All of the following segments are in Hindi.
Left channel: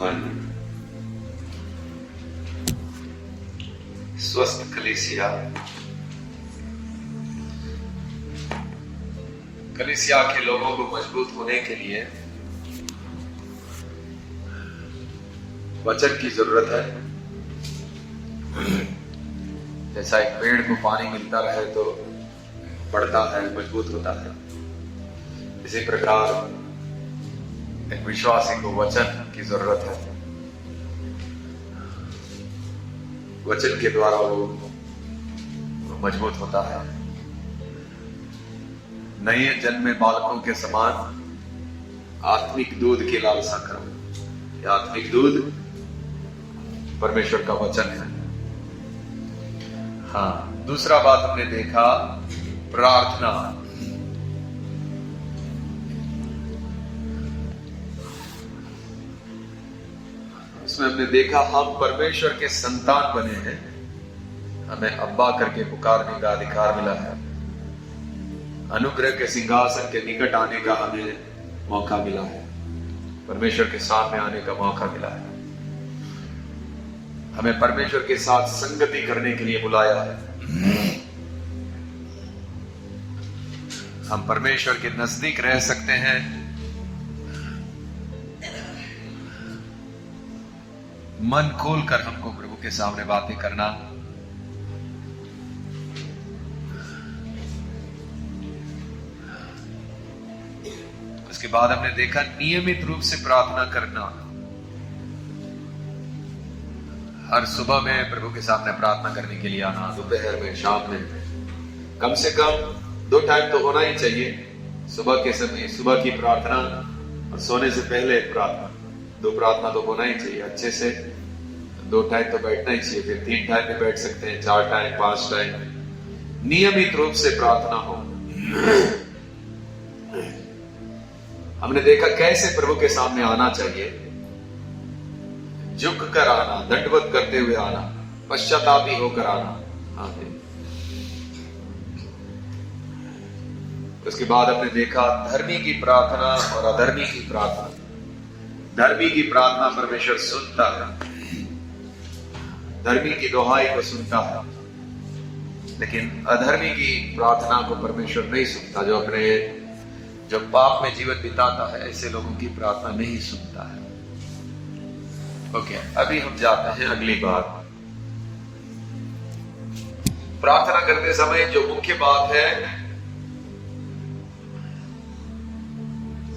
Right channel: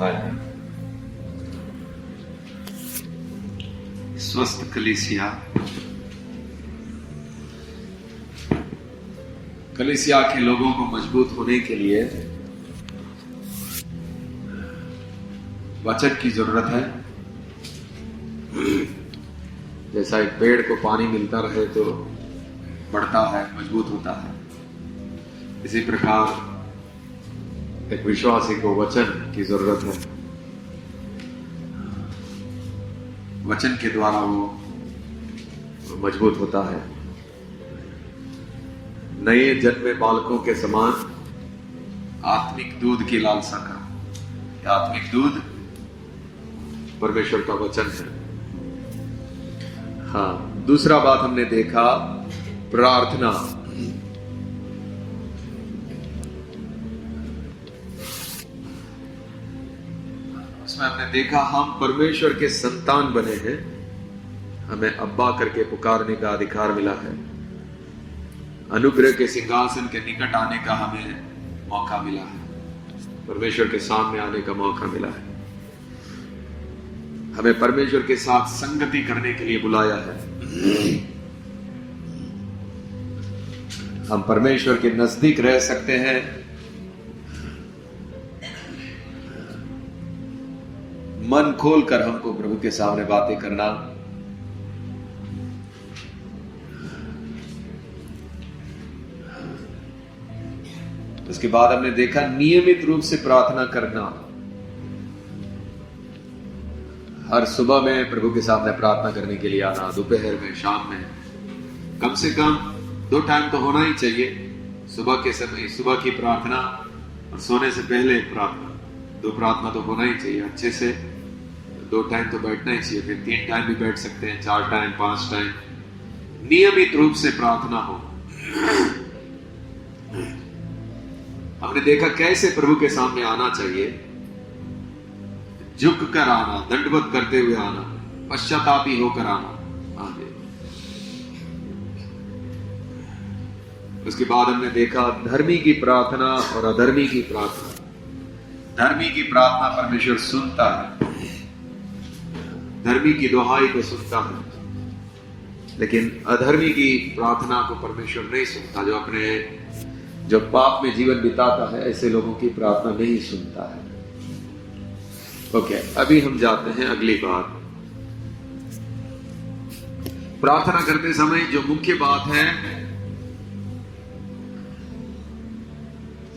हाँ जी। स्वस्थ कलीसिया, कलीसिया के लोगों को मजबूत होने के लिए वचन की जरूरत है। जैसा एक पेड़ को पानी मिलता रहे तो बढ़ता है, मजबूत होता है, इसी प्रकार एक विश्वासी को वचन की जरूरत है। वचन के द्वारा वो मजबूत होता है। नए जन्मे बालकों के समान आत्मिक दूध की लालसा करो। आत्मिक दूध परमेश्वर का वचन है। हाँ, दूसरा बात हमने देखा प्रार्थना। इसमें हमने देखा हम परमेश्वर के संतान बने हैं, हमें अब्बा करके पुकारने का अधिकार मिला है। अनुग्रह के सिंहासन के निकट आने का हमें मौका मिला है, परमेश्वर के सामने आने का मौका मिला है। हमें परमेश्वर के साथ संगति करने के लिए बुलाया है। हम परमेश्वर के नजदीक रह सकते हैं। मन खोलकर हमको प्रभु के सामने बातें करना। उसके बाद हमने देखा नियमित रूप से प्रार्थना करना। हर सुबह में प्रभु के सामने प्रार्थना करने के लिए आना, दोपहर में, शाम में, कम से कम 2 टाइम तो होना ही चाहिए। सुबह के समय सुबह की प्रार्थना और सोने से पहले एक प्रार्थना, 2 प्रार्थना तो होना ही चाहिए। अच्छे से 2 टाइम तो बैठना ही चाहिए, फिर 3 टाइम भी बैठ सकते हैं, 4 टाइम, 5 टाइम। नियमित रूप से प्रार्थना हो। हमने देखा कैसे प्रभु के सामने आना चाहिए। झुक कर आना, दंडवत करते हुए आना, पश्चातापी होकर आना। उसके बाद हमने देखा धर्मी की प्रार्थना और अधर्मी की प्रार्थना। धर्मी की प्रार्थना परमेश्वर सुनता है, धर्मी की दुहाई को सुनता है, लेकिन अधर्मी की प्रार्थना को परमेश्वर नहीं सुनता। जो पाप में जीवन बिताता है, ऐसे लोगों की प्रार्थना नहीं सुनता है। ओके, अभी हम जाते हैं अगली बात। प्रार्थना करते समय जो मुख्य बात है,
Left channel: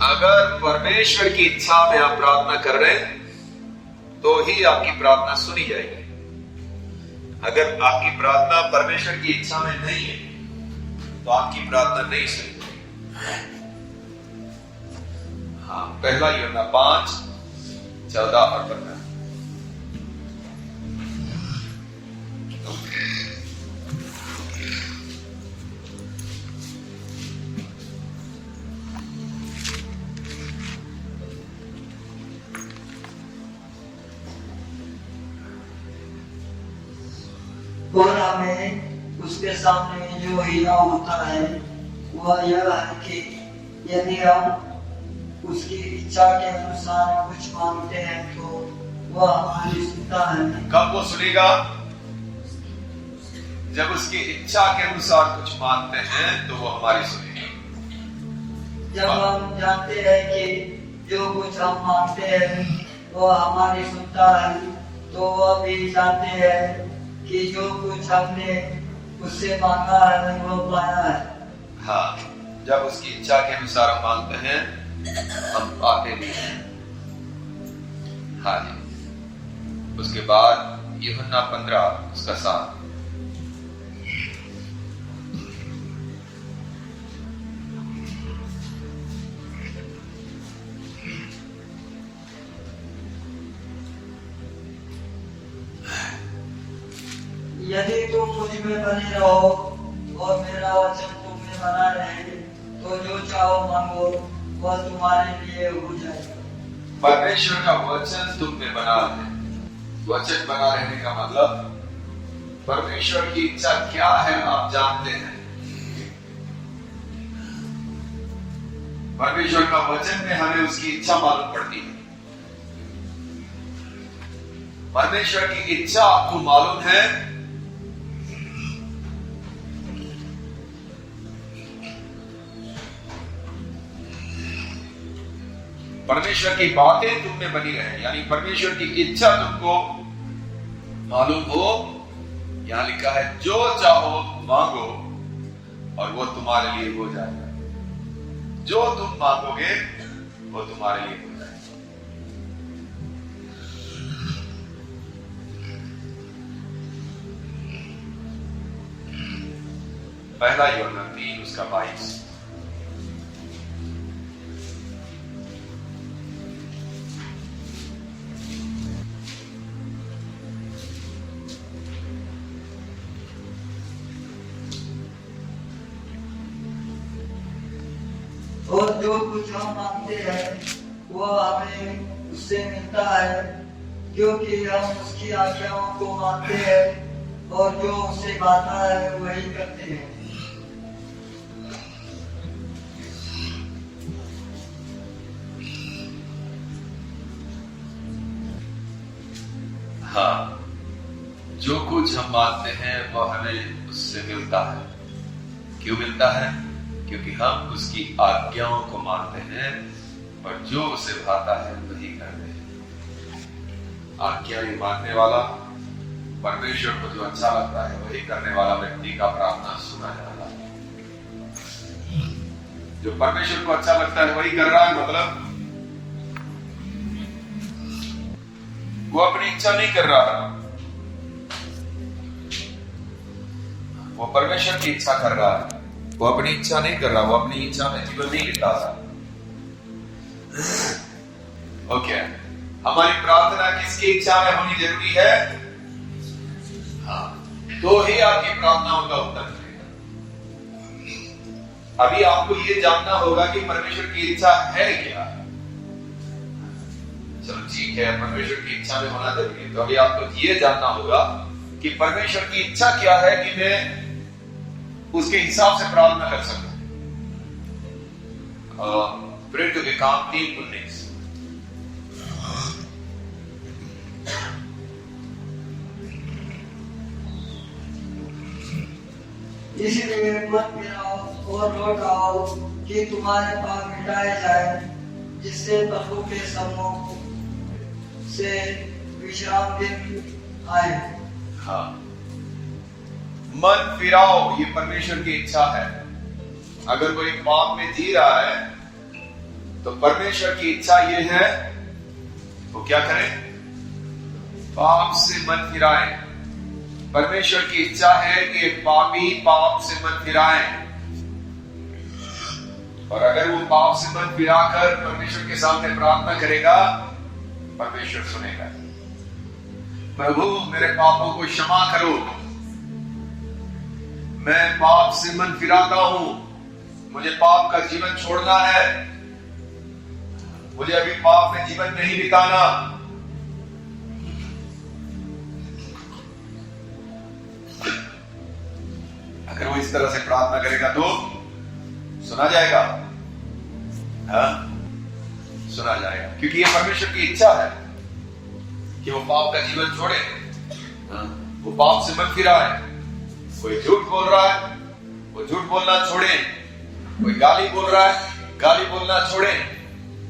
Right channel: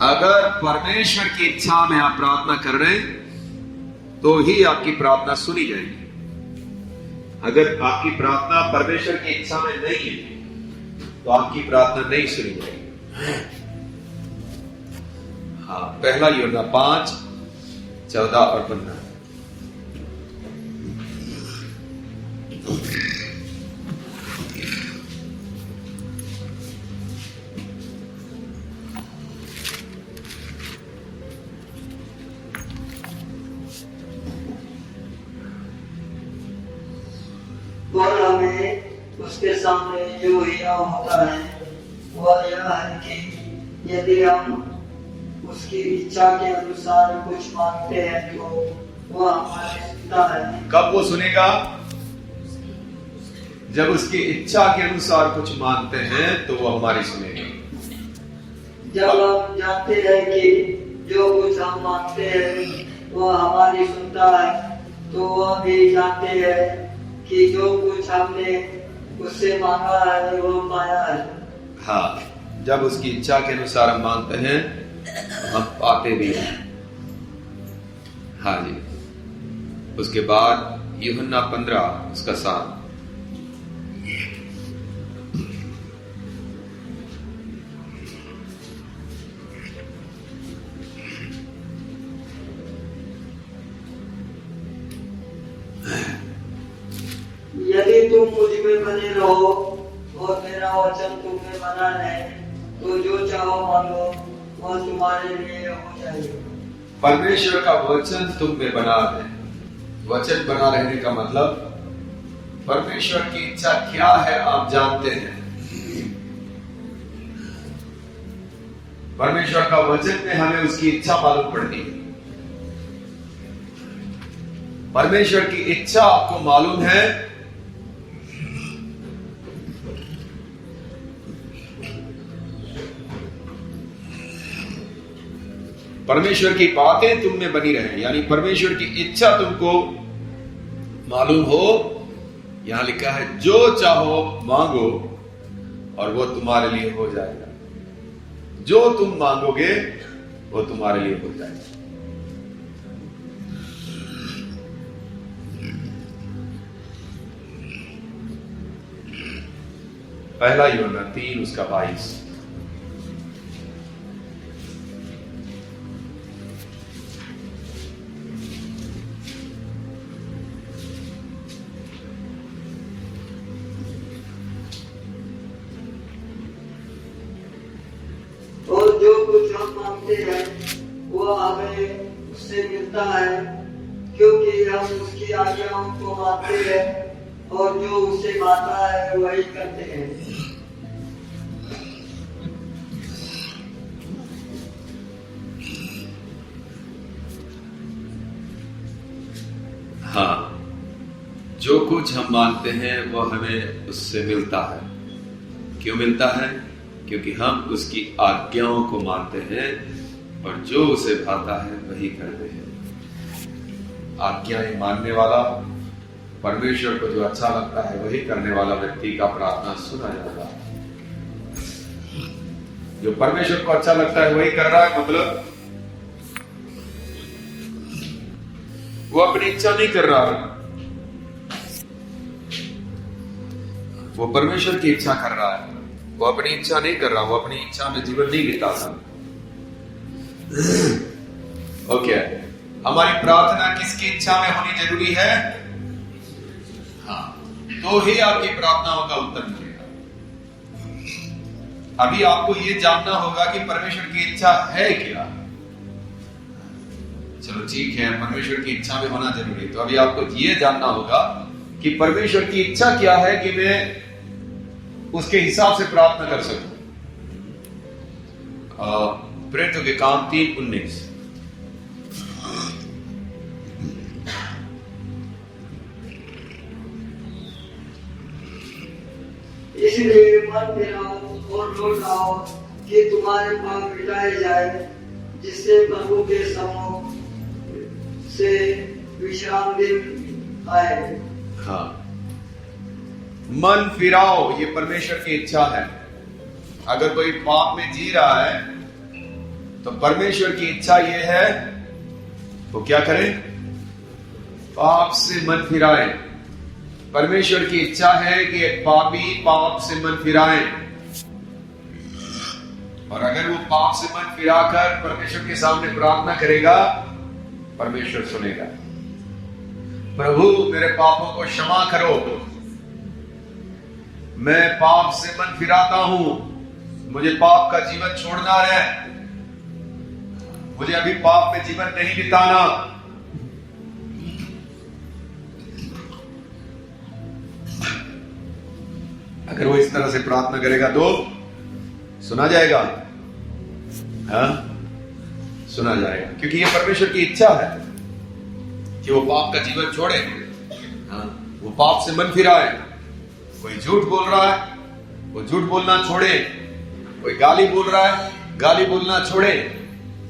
अगर परमेश्वर की इच्छा में आप प्रार्थना कर रहे हैं तो ही आपकी प्रार्थना सुनी जाएगी। अगर आपकी प्रार्थना परमेश्वर की इच्छा में नहीं है तो आपकी प्रार्थना नहीं सुनी जाएगी। हाँ, पहला यूहन्ना 5, 14 और 15। और हमें उसके सामने जो हीरा होता है वह यह है कि यदि हम उसकी इच्छा के अनुसार कुछ मांगते हैं तो वह हमारी सुनता है। कब वो सुनेगा? जब उसकी इच्छा के अनुसार कुछ मांगते हैं तो वो हमारी सुनेगा। जब हम जानते हैं कि जो कुछ हम मांगते हैं वह हमारी सुनता है, तो वह भी जानते हैं कि जो कुछ हमने उससे मांगा है वो पाया है। हाँ, जब उसकी इच्छा के अनुसार हम मांगते हैं हम पाते भी हैं। हाँ जी। उसके बाद यूहन्ना 15 उसका 7। यदि तुम मुझ में बने रहो और मेरा वचन तुम में बना रहे तो जो चाहो मांगो वह तुम्हारे लिए हो जाएगा। परमेश्वर का वचन तुम में बना रहे। वचन बना रहने का मतलब परमेश्वर की इच्छा क्या है आप जानते हैं। परमेश्वर का वचन में हमें उसकी इच्छा मालूम पड़ती है। परमेश्वर की इच्छा आपको मालूम है? परमेश्वर की बातें तुम में बनी रहे, यानी परमेश्वर की इच्छा तुमको मालूम हो। यहां लिखा है जो चाहो मांगो और वो तुम्हारे लिए हो जाएगा। जो तुम मांगोगे वो तुम्हारे लिए हो जाएगा। पहला यूहन्ना 3 उसका 22। और जो कुछ हम मांगते हैं वो हमें उससे मिलता है, क्योंकि हम उसकी आज्ञाओं को मानते हैं और जो उससे गाता है वही करते हैं। हाँ, जो कुछ हम मानते हैं वह हमें उससे मिलता है। क्यों मिलता है? क्योंकि हम उसकी आज्ञाओं को मानते हैं और जो उसे भाता है वही करते हैं। आज्ञाएं मानने वाला, परमेश्वर को जो अच्छा लगता है वही करने वाला व्यक्ति का प्रार्थना सुना जाता है। जो परमेश्वर को अच्छा लगता है वही कर रहा है, मतलब वो अपनी इच्छा नहीं कर रहा है, वो परमेश्वर की इच्छा कर रहा है। वो अपनी इच्छा नहीं कर रहा, वो अपनी इच्छा में जीवन नहीं बिता रहा। ओके, हमारी प्रार्थना किसकी इच्छा में होनी जरूरी है? हाँ, तो ही आपकी प्रार्थनाओं का उत्तर मिलेगा। अभी आपको ये जानना होगा कि परमेश्वर की इच्छा है क्या। चलो ठीक है, परमेश्वर की इच्छा में होना जरूरी है, तो अभी आपको ये जानना होगा कि परमेश्वर की इच्छा क्या है कि मैं उसके हिसाब से प्रार्थना कर सकूं। प्रेरितों के काम 3:19। इसलिए मत फिराओ और लौट आओ कि तुम्हारे पाप मिटाए जाए, जिससे प्रभु के सम्मुख से विश्राम दिन आए। हाँ, मन फिराओ, ये परमेश्वर की इच्छा है। अगर कोई पाप में जी रहा है तो परमेश्वर की इच्छा ये है तो क्या करें? पाप से मन फिराए। परमेश्वर की इच्छा है कि एक पापी पाप से मन फिराए, और अगर वो पाप से मन फिराकर परमेश्वर के सामने प्रार्थना करेगा, परमेश्वर सुनेगा। प्रभु मेरे पापों को क्षमा करो, मैं पाप से मन फिराता हूं, मुझे पाप का जीवन छोड़ना है, मुझे अभी पाप में जीवन नहीं बिताना। अगर वो इस तरह से प्रार्थना करेगा तो सुना जाएगा। हाँ, सुना जाएगा, क्योंकि ये परमेश्वर की इच्छा है कि वो पाप का जीवन छोड़े। हाँ, वो पाप से मन फिराए। कोई झूठ बोल रहा है, वो झूठ बोलना छोड़े। कोई गाली बोल रहा है, गाली बोलना छोड़े।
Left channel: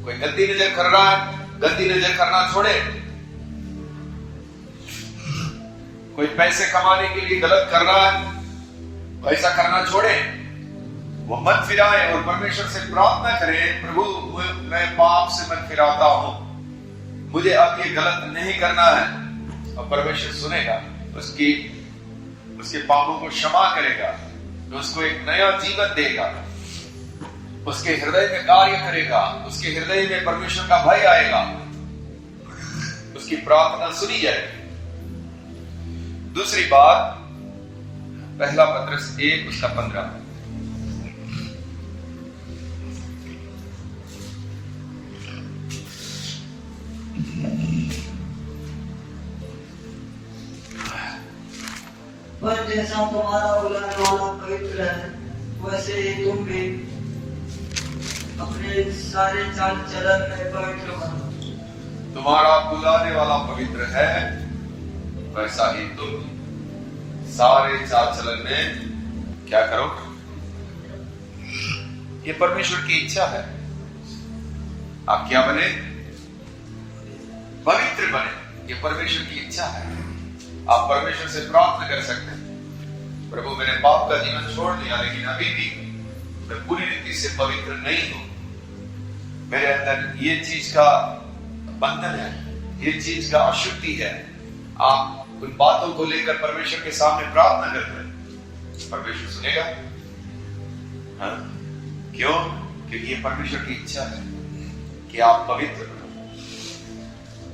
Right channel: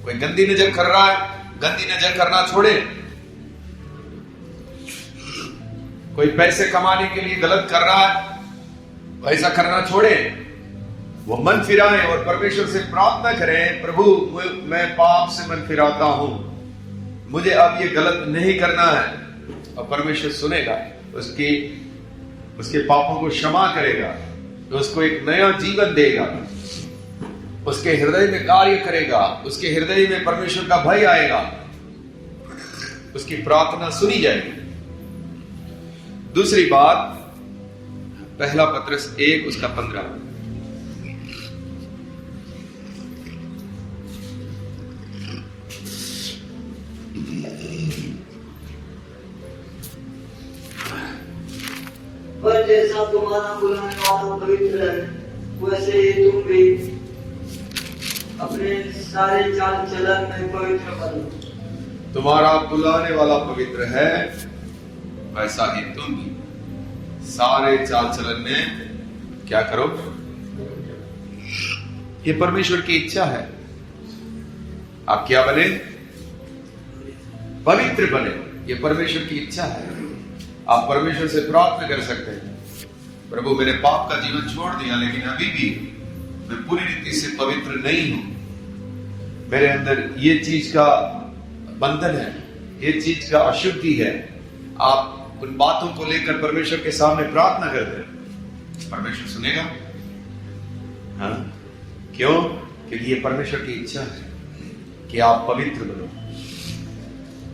कोई गंदी नजर कर रहा है, गंदी नजर करना छोड़े। कोई पैसे कमाने के लिए गलत कर रहा है, ऐसा करना छोड़े। वो मन फिराए और परमेश्वर से प्रार्थना करें, प्रभु मैं पाप से मन फिराता हूं, मुझे अब ये गलत नहीं करना है। और परमेश्वर सुनेगा, उसके पापों को क्षमा करेगा, तो उसको एक नया जीवन देगा, उसके हृदय में कार्य करेगा, उसके हृदय में परमेश्वर का भय आएगा, उसकी प्रार्थना सुनी जाएगी। दूसरी बात, पहला पत्रस 1 उसका 15। पर जैसा तुम्हारा बुलाने वाला पवित्र है, वैसे ही तुम भी अपने सारे चाल चलन में पवित्र बनो। तुम्हारा बुलाने वाला पवित्र है, वैसा ही तुम भी सारे चाल चलन में क्या करो। ये परमेश्वर की इच्छा है, आप क्या बने, पवित्र बने। ये परमेश्वर की इच्छा है। आप परमेश्वर से प्रार्थना कर सकते हैं, प्रभु मैंने पाप का जीवन छोड़ दिया, लेकिन अभी भी मैं पूरी रीति से पवित्र नहीं हूं। मेरे अंदर ये चीज का बंधन है, ये चीज का अशुद्धि है। आप उन बातों को लेकर परमेश्वर के सामने प्रार्थना करते हैं, परमेश्वर सुनेगा। हाँ? क्यों? क्योंकि ये परमेश्वर की इच्छा है कि आप पवित्र बनो।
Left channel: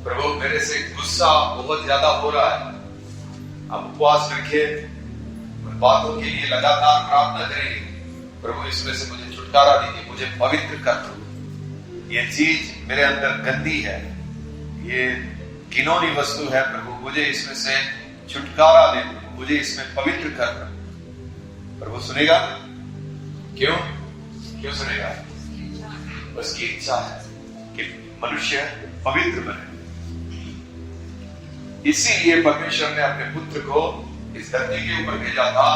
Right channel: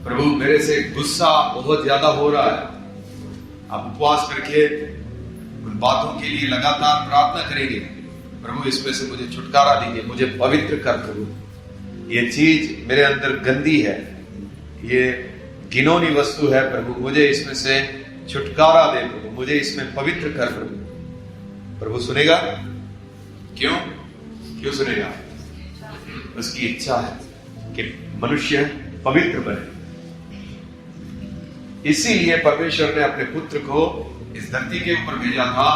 प्रभु मेरे से गुस्सा बहुत ज्यादा हो रहा है, आप उपवास करके उन बातों के लिए लगातार प्रार्थना करेंगे, प्रभु इसमें से मुझे छुटकारा दीजिए, मुझे पवित्र कर। प्रभु ये चीज मेरे अंदर गंदी है, ये घिनौनी वस्तु है, प्रभु मुझे इसमें से छुटकारा दे, प्रभु मुझे इसमें पवित्र कर। प्रभु सुनेगा। क्यों? क्यों सुनेगा? उसकी इच्छा है कि मनुष्य पवित्र बने। इसीलिए परमेश्वर ने अपने पुत्र को इस धरती के ऊपर भेजा था,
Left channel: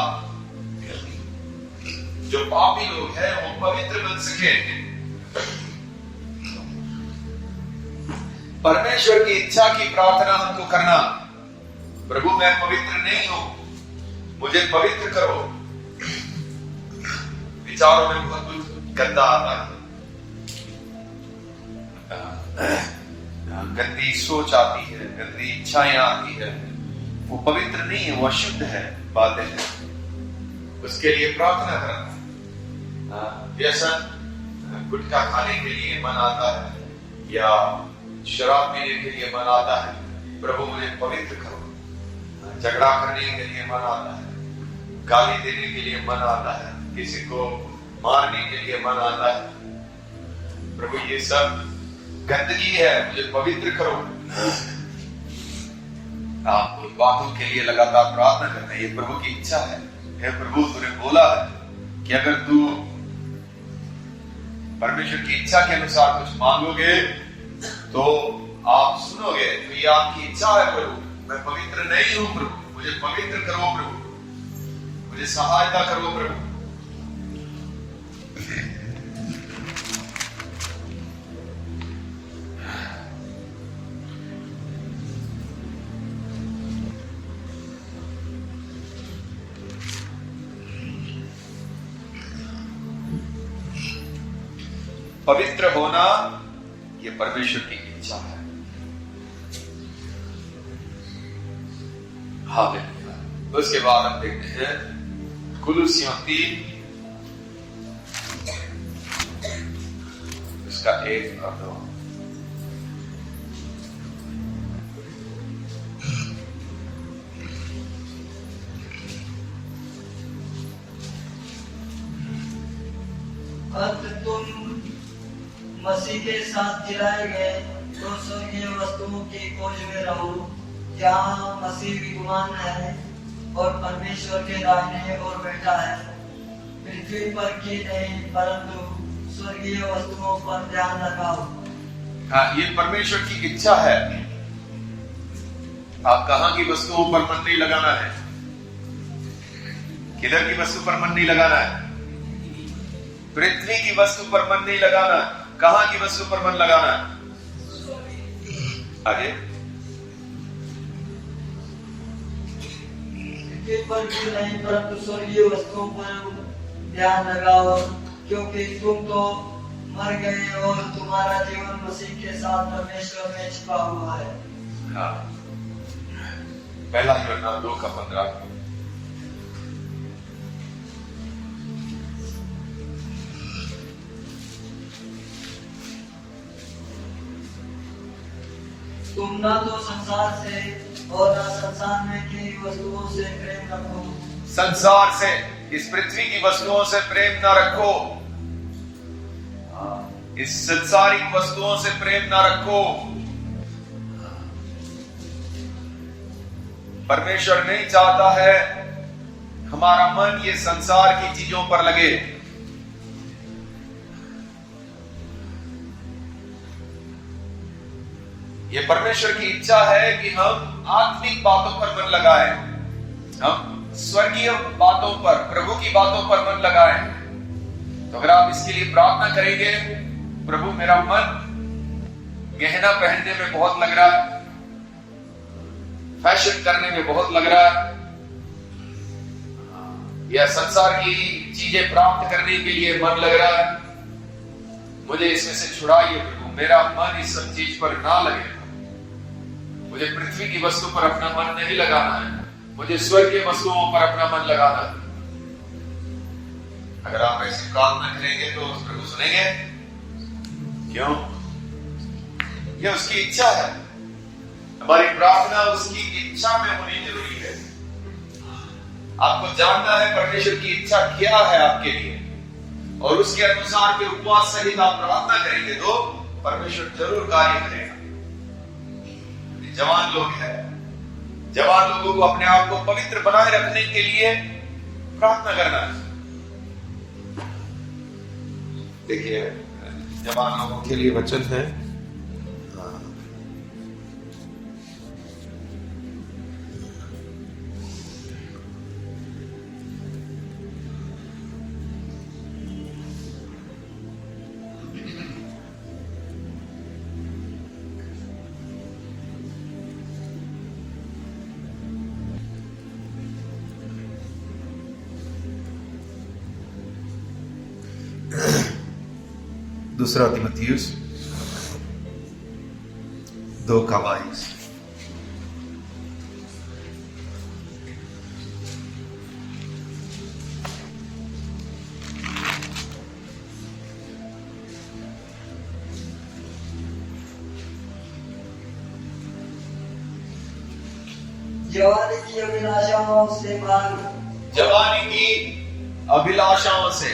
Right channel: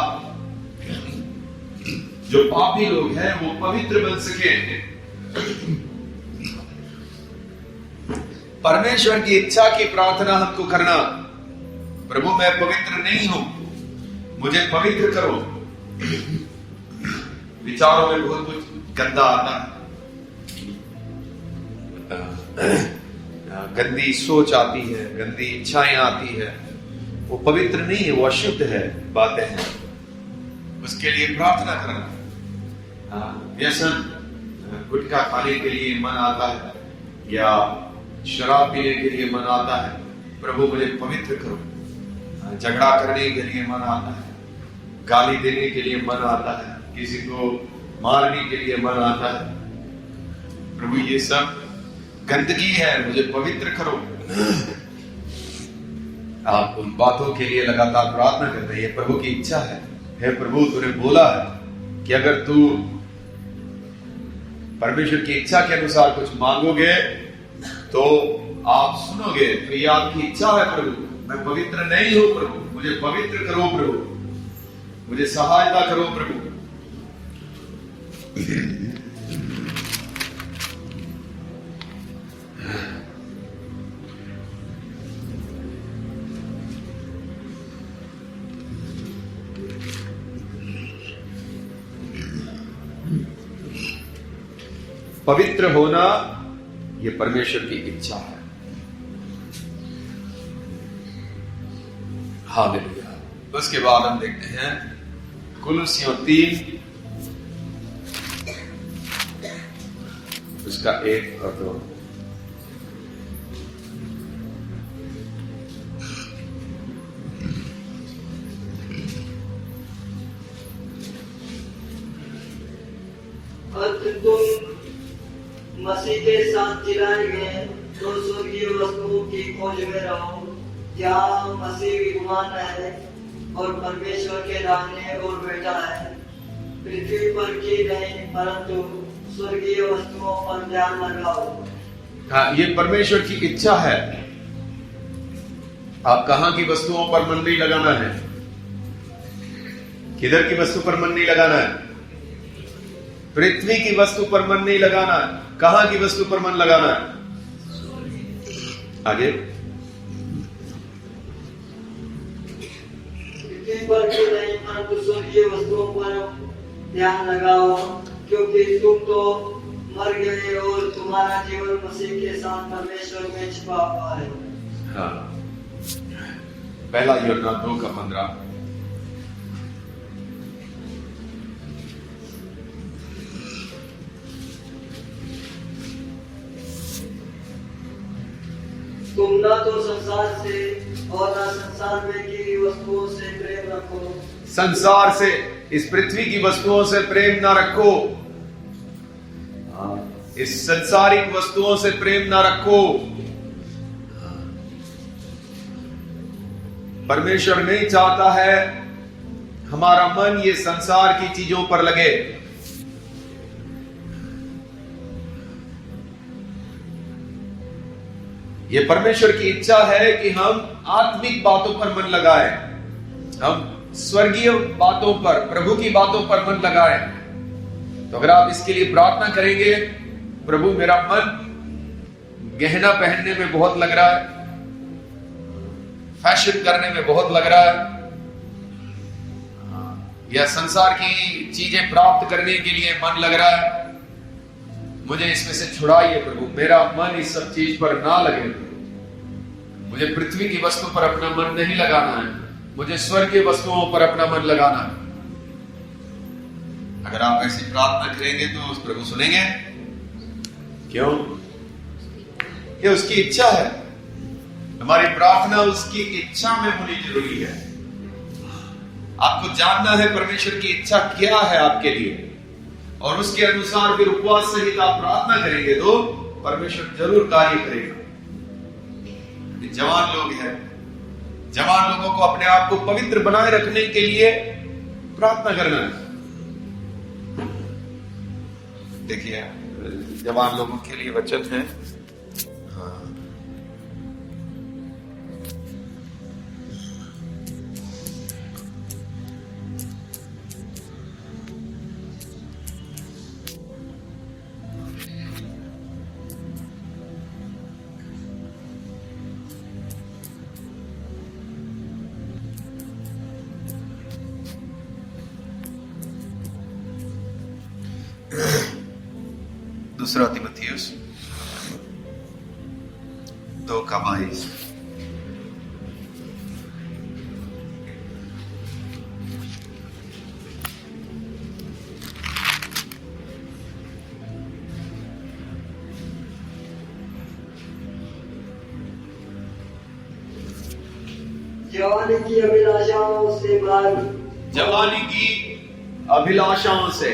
जो पापी लोग हैं वो पवित्र बन सके। परमेश्वर की इच्छा की प्रार्थना हमको करना, प्रभु मैं पवित्र नहीं हूं, मुझे पवित्र करो। विचारों में बहुत कुछ गंदा आता है, गंदी सोच आती है, गंदी इच्छाएं आती है, वो पवित्र नहीं है, वो अशुद्ध है, बातें हैं। उसके लिए प्रार्थना करना। व्यसन, गुटखा खाने के लिए मन आता है या शराब पीने के लिए मन आता है, प्रभु मुझे पवित्र करो। झगड़ा करने के लिए मन आता है, गाली देने के लिए मन आता है, किसी को मारने के लिए मन आता है, प्रभु ये सब गंदगी है, मुझे पवित्र करो। आप उन बातों के लिए लगातार प्रार्थना करते हैं, ये प्रभु की इच्छा है। हे प्रभु तूने बोला है कि अगर तू परमेश्वर की इच्छा के अनुसार कुछ मांगोगे तो आप सुनोगे, तो ये आपकी इच्छा है प्रभु। मैं पवित्र नहीं हूं प्रभु, मुझे पवित्र करो प्रभु, मुझे सहायता करो प्रभु। पवित्र होना यह परमेश्वर की इच्छा है। हालेलुया। उसके बाद हम देखते हैं कुलुस्सियों 3 उसका 1 और 2। तुम मसीह के साथ जिलाए गए तो स्वर्गीय वस्तुओं की खोज में रहो, जहाँ मसीह विद्यमान है और परमेश्वर के दाहिने ओर बैठा है। पृथ्वी पर की नहीं परंतु स्वर्गीय वस्तुओं पर ध्यान लगाओ। हाँ, ये परमेश्वर की इच्छा है। आप कहाँ की वस्तुओं पर मन नहीं लगाना है, किधर की वस्तु पर मन नहीं लगाना है, पृथ्वी की वस्तु पर मन नहीं लगाना है। कहां की वस्तु पर मन लगाना है? आगे पृथ्वी पर की नहीं परंतु स्वर्गीय वस्तुओं पर ध्यान लगाओ, क्योंकि तुम तो मर गए और तुम्हारा जीवन मसीह के साथ परमेश्वर में छिपा हुआ है। हाँ, पहला यूहन्ना 2:15। तुम ना तो संसार से और ना संसार में की वस्तुओं से प्रेम रखो। संसार से, इस पृथ्वी की वस्तुओं से प्रेम ना रखो। इस संसारिक वस्तुओं से प्रेम ना रखो। परमेश्वर नहीं चाहता है हमारा मन ये संसार की चीजों पर लगे। ये परमेश्वर की इच्छा है कि हम आत्मिक बातों पर मन लगाएं, हम स्वर्गीय बातों पर, प्रभु की बातों पर मन लगाएं। तो अगर आप इसके लिए प्रार्थना करेंगे, प्रभु मेरा मन गहना पहनने में बहुत लग रहा है, फैशन करने में बहुत लग रहा है, या संसार की चीजें प्राप्त करने के लिए मन लग रहा है, मुझे इसमें से छुड़ाइए प्रभु, मेरा मन इस सब चीज पर ना लगे प्रभु। मुझे पृथ्वी की वस्तु पर अपना मन नहीं लगाना है, मुझे स्वर्गीय वस्तुओं पर अपना मन लगाना है। अगर आप ऐसी प्रार्थना करेंगे तो प्रभु सुनेंगे। क्यों? ये उसकी इच्छा है। हमारी प्रार्थना उसकी इच्छा में होनी जरूरी है। आपको जानना है परमेश्वर की इच्छा क्या है आपके लिए, और उसके अनुसार फिर उपवास सहित आप प्रार्थना करेंगे तो परमेश्वर जरूर कार्य करेगा। जवान लोग हैं, जवान लोगों को अपने आप को पवित्र बनाए रखने के लिए प्रार्थना करना है। देखिए, जवान लोगों के लिए वचन है। हाँ, दूसरा तीमुथियुस 2:22। जवानी की अभिलाषाओं से भाग, जवानी की अभिलाषाओं से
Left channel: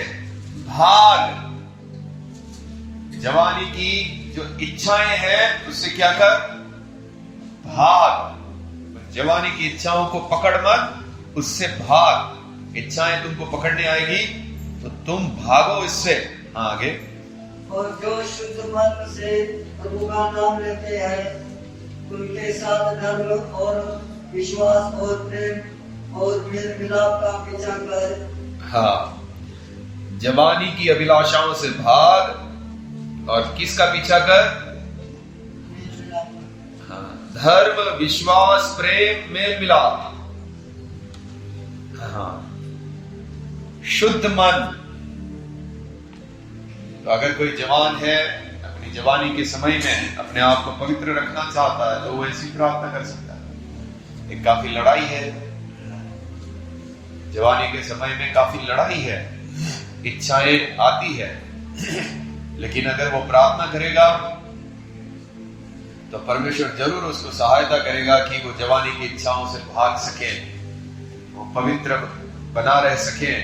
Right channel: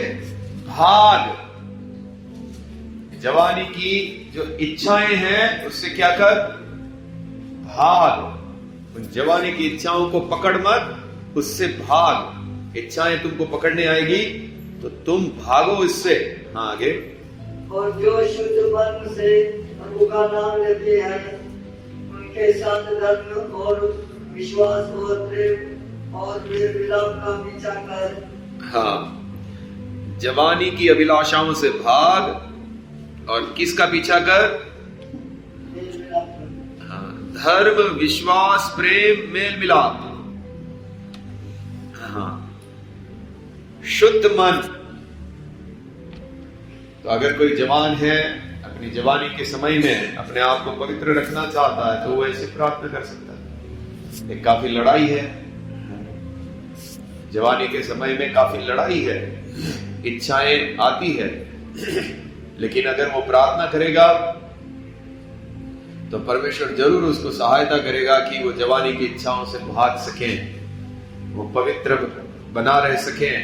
भाग। जवानी की जो इच्छाएं हैं उससे क्या कर? भाग। उन जवानी की इच्छाओं को पकड़ मत, उससे भाग। इच्छाएं तुमको पकड़ने आएगी तो तुम भागो इससे। हाँ, आगे। और जो शुद्ध मन से प्रभु का नाम लेते हैं उनके साथ धर्म और विश्वास और प्रेम और मेल मिलाप का पीछा कर। हाँ, जवानी की अभिलाषाओं से भाग और किसका पीछा कर? हाँ, धर्म, विश्वास, प्रेम, मेल मिलाप। हाँ, शुद्ध मन। तो अगर कोई जवान है, अपनी जवानी के समय में अपने आप को पवित्र रखना चाहता है तो वो ऐसी प्रार्थना कर सकता है। एक काफी लड़ाई है, जवानी के समय में काफी लड़ाई है, इच्छाएं आती है, लेकिन अगर वो प्रार्थना करेगा तो परमेश्वर जरूर उसको सहायता करेगा कि वो जवानी की इच्छाओं से भाग सकें, वो पवित्र बना रह सकें,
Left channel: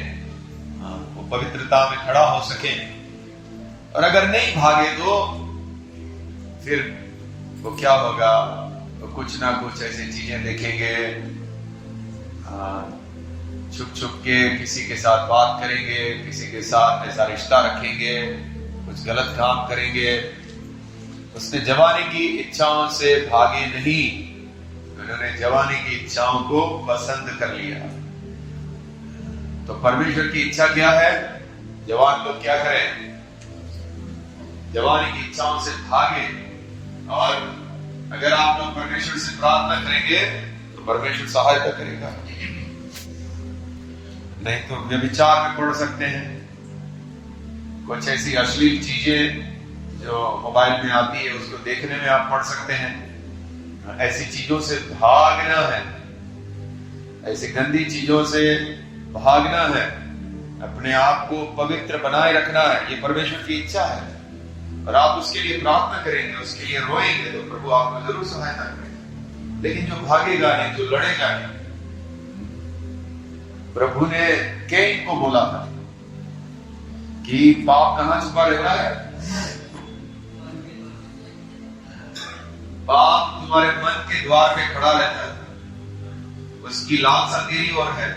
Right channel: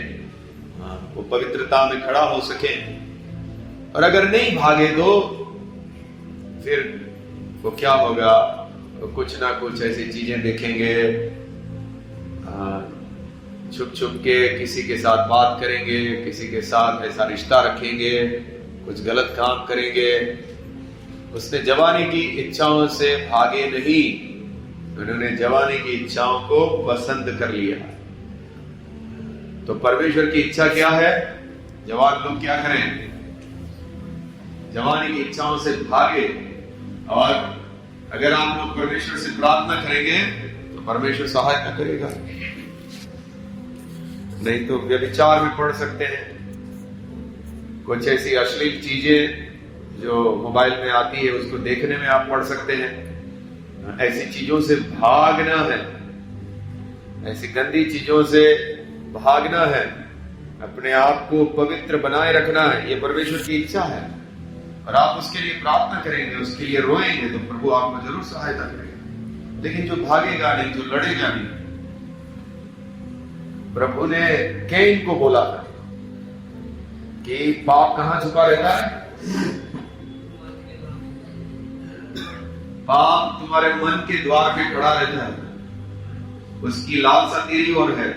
वो पवित्रता में खड़ा हो सकें। और अगर नहीं भागे तो फिर वो क्या होगा? वो कुछ ना कुछ ऐसी चीजें देखेंगे, छुप छुप के किसी के साथ बात करेंगे, किसी के साथ ऐसा रिश्ता रखेंगे, कुछ गलत काम करेंगे। उसने जवानी की इच्छाओं से भागे नहीं, उन्होंने जवानी की इच्छाओं को पसंद कर लिया। तो परमेश्वर की इच्छा क्या है? जवान लोग क्या करें? जवानी की इच्छाओं से भागे। और अगर आप लोग परमेश्वर से प्रार्थना करेंगे तो परमेश्वर सहायता करेगा। नहीं तो व्यभिचार में पड़ सकते हैं, कुछ ऐसी अश्लील चीजें जो मोबाइल में आती है उसको देखने में आप पड़ सकते हैं। ऐसी चीजों से भागना है, ऐसी गंदी चीजों से भागना है, अपने आप को पवित्र बनाए रखना है। ये परमेश्वर की इच्छा है और आप उसके लिए प्रार्थना करेंगे, उसके लिए रोएंगे तो प्रभु आपको जरूर सहायता करेगा। लेकिन जो भागेगा नहीं, जो लड़ेगा नहीं, प्रभु ने कैन को बोला था कि पाप कहां छुपा रहता है? पाप तुम्हारे मन के द्वार पे खड़ा रहता है, उसकी लालसा तेरी ओर है।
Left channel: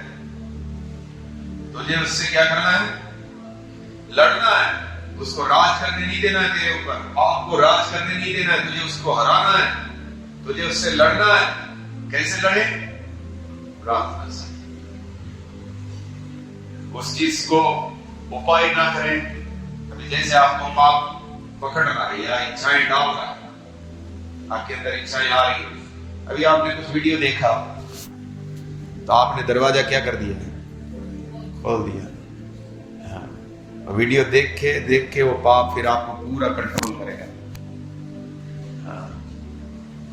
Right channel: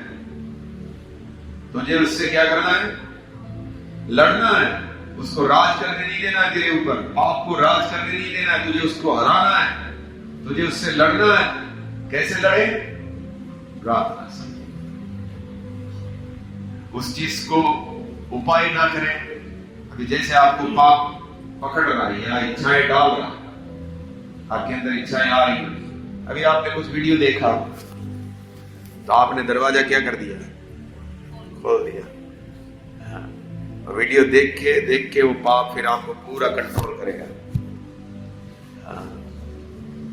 तुझे उससे क्या करना है? लड़ना है, उसको राज करने नहीं देना है तेरे ऊपर, पाप को राज करने नहीं देना है, तुझे उसको हराना है। तुझे उससे लड़ना है, कैसे लड़े? प्रार्थना से। उस चीज को उपाय ना करें। अभी जैसे आपको पाप पकड़ रहा है या इच्छाएं डाल रहा है, आपके अंदर इच्छाएं आ रही है। अभी आपने कुछ वीडियो देखा तो आपने दरवाजा क्या कर दिया? खोल दिया। हाँ। वीडियो देख के वो पाप फिर आपको पूरा कंट्रोल करेगा। हाँ।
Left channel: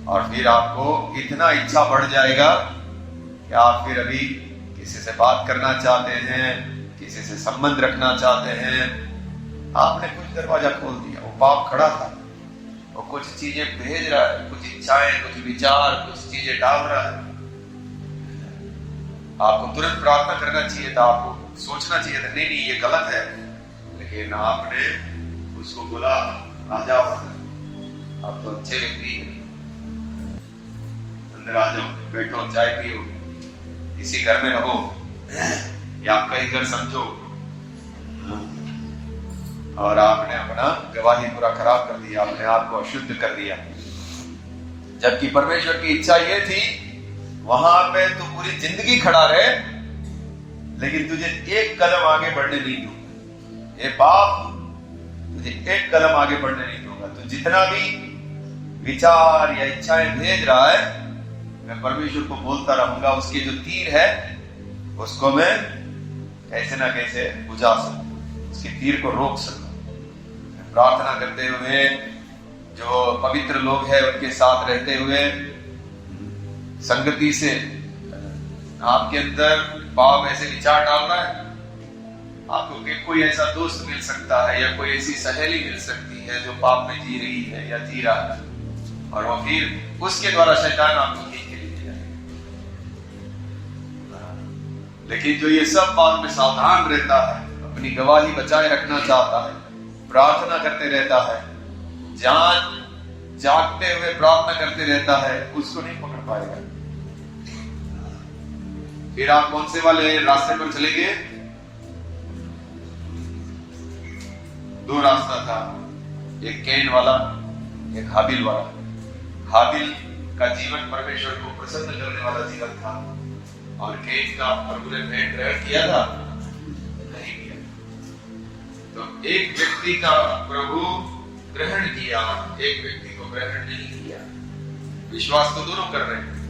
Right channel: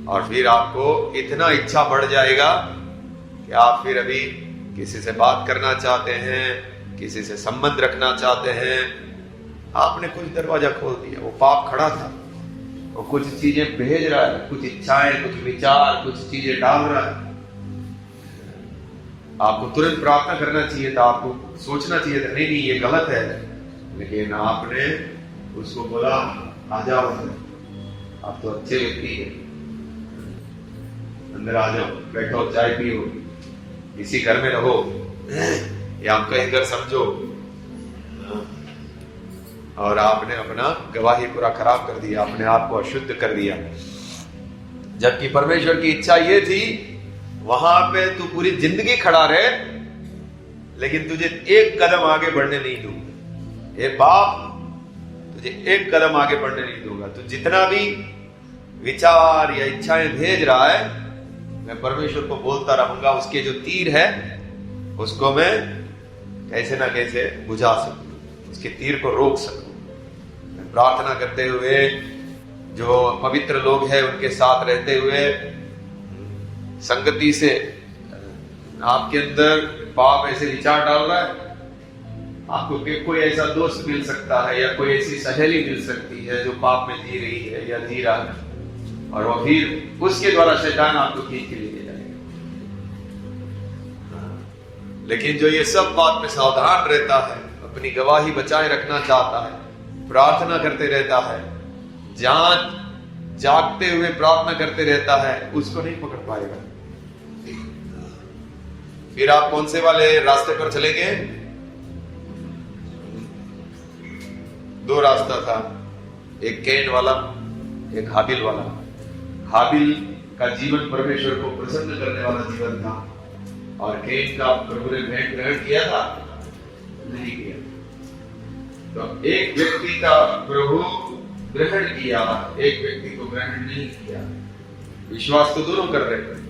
और फिर आपको इतना इच्छा बढ़ जाएगा कि आप फिर अभी किसी से बात करना चाहते हैं, किसी से संबंध रखना चाहते हैं, आपने कुछ दरवाजा खोल दिया। वो पाप खड़ा था, वो कुछ चीजें भेज रहा है, कुछ इच्छाएं, कुछ विचार, कुछ चीजें डाल रहा है। आपको तुरंत प्रार्थना करना चाहिए था, आपको सोचना चाहिए था नहीं ये गलत है, लेकिन आपने उसको बोला आ जाओ अंदर, आप तो अच्छे व्यक्ति हैं, अंदर आ जाओ, बैठो, चाय पियो, इसी घर में रहो, या आपका ही घर समझो। और आपने अपना गवाही पूरा खराब कर दिया, अपने आप को अशुद्ध कर दिया। जबकि परमेश्वर की इच्छा ये थी वहां पे तू पूरी जिंदगी खड़ा रहे, लेकिन तुझे एक कदम आगे बढ़ने नहीं दूंगा। ये बाप तुझे एक कदम आगे बढ़ने नहीं दूंगा। तो जितना भी विचार या इच्छाएं भेज रहा है, मैं परमेश्वर को बोलता रहूंगा, उसके जो तीर है उसको मैं कैसे ना कैसे बुझा सकूं, उसके तीर को रोक सकूं। मैं प्रार्थना करते हुए, जो पवित्र लोग हैं उनके साथ रहते हुए, संगति से आपके अंदर पाप ऐसे विचार डाल रहा है, आपको कोई ऐसा दोस्त मिल सकता है या कोई ऐसी सहेली मिल सकती है जो पाप में जी रही है या जी रहा है, और वो फिर उसके द्वारा शैतान आपको खींच के ले जाएगा। लेकिन जो ये सब बात में सावधान रहता है, अपनी गवाही बचाए रखना चाहता है, प्रार्थना करते रहता है, जागते हुए प्रार्थना करते रहता है, उसको नहीं पकड़ पाएगा। फिर आप कौन से वाले रास्ते पर चलेंगे? दो रास्ता था, एक कैन वाला, एक हाबिल वाला। हाबिल का जीवन परमेश्वर को प्रसन्न करने वाला जीवन था, और कैन का प्रभु ने भेंट ग्रहण किया था? नहीं किया। तो एक व्यक्ति का प्रभु ग्रहण किया, एक व्यक्ति को ग्रहण नहीं किया। विश्वास तो दोनों कर रहे थे,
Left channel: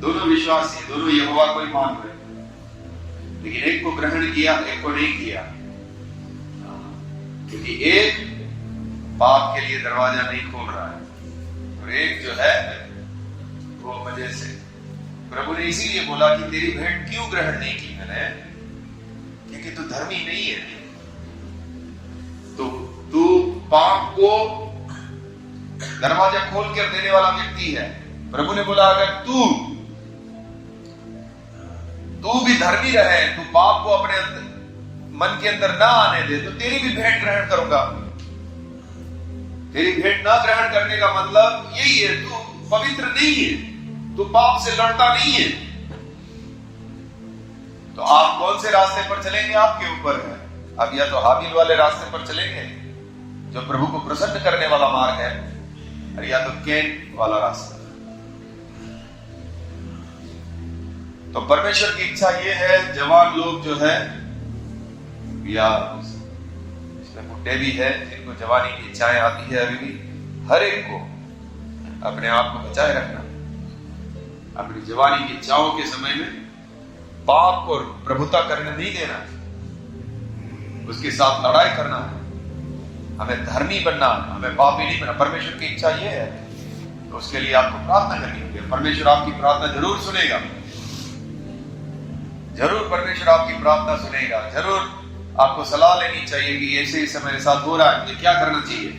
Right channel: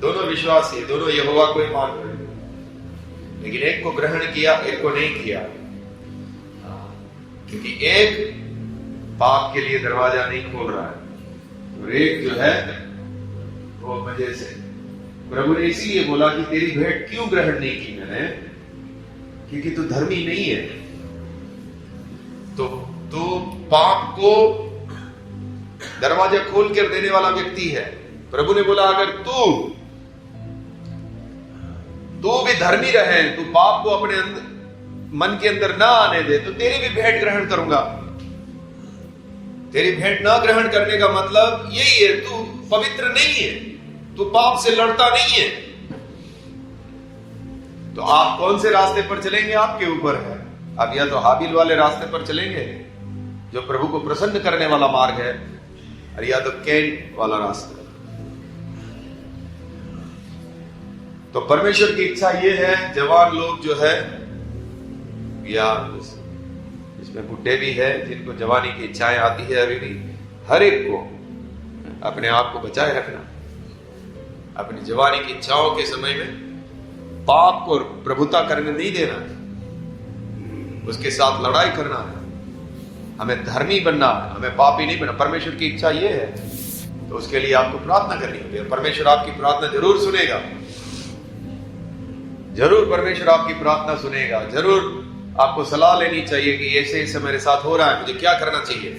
दोनों विश्वासी, दोनों यहोवा को ही मान रहे थे, लेकिन एक को ग्रहण किया, एक को नहीं किया। क्योंकि एक पाप के लिए दरवाजा नहीं खोल रहा है, और एक जो है वो मजे से। प्रभु ने इसीलिए बोला कि तेरी भेंट क्यों ग्रहण नहीं की मैंने? क्योंकि तू धर्मी नहीं है, तो तू पाप को दरवाजा खोल कर देने वाला व्यक्ति है। प्रभु ने बोला अगर तू भी धर्मी रहे, तू पाप को अपने मन के अंदर ना आने दे, तो तेरी भी भेंट ग्रहण करूंगा। तेरी भेंट ना ग्रहण करने का मतलब यही है, तू पवित्र नहीं है, तू पाप से लड़ता नहीं है। तो आप कौन से रास्ते पर चलेंगे आपके ऊपर है। अब या तो हाबिल वाले रास्ते पर चलेंगे जो प्रभु को प्रसन्न करने वाला मार्ग है, और या तो कैन वाला रास्ता। तो परमेश्वर की इच्छा ये है, जवान लोग जो है, या इसमें बुढ़े भी है जिनको जवानी की इच्छाएं आती है, अभी भी हर एक को अपने आप को बचाए रखना, अपनी जवानी की इच्छाओं के समय में पाप को प्रभुता करने नहीं देना, उसके साथ लड़ाई करना है। हमें धर्मी बनना है, हमें पापी नहीं बनना। परमेश्वर की इच्छा ये है, तो उसके लिए आपको प्रार्थना करनी होगी। परमेश्वर आपकी प्रार्थना जरूर सुनेगा, जरूर परमेश्वर आपकी प्रार्थना सुनेगा। जरूर आपको सलाह लेनी चाहिए कि ऐसे ऐसे मेरे साथ हो रहा है, मुझे क्या करना चाहिए,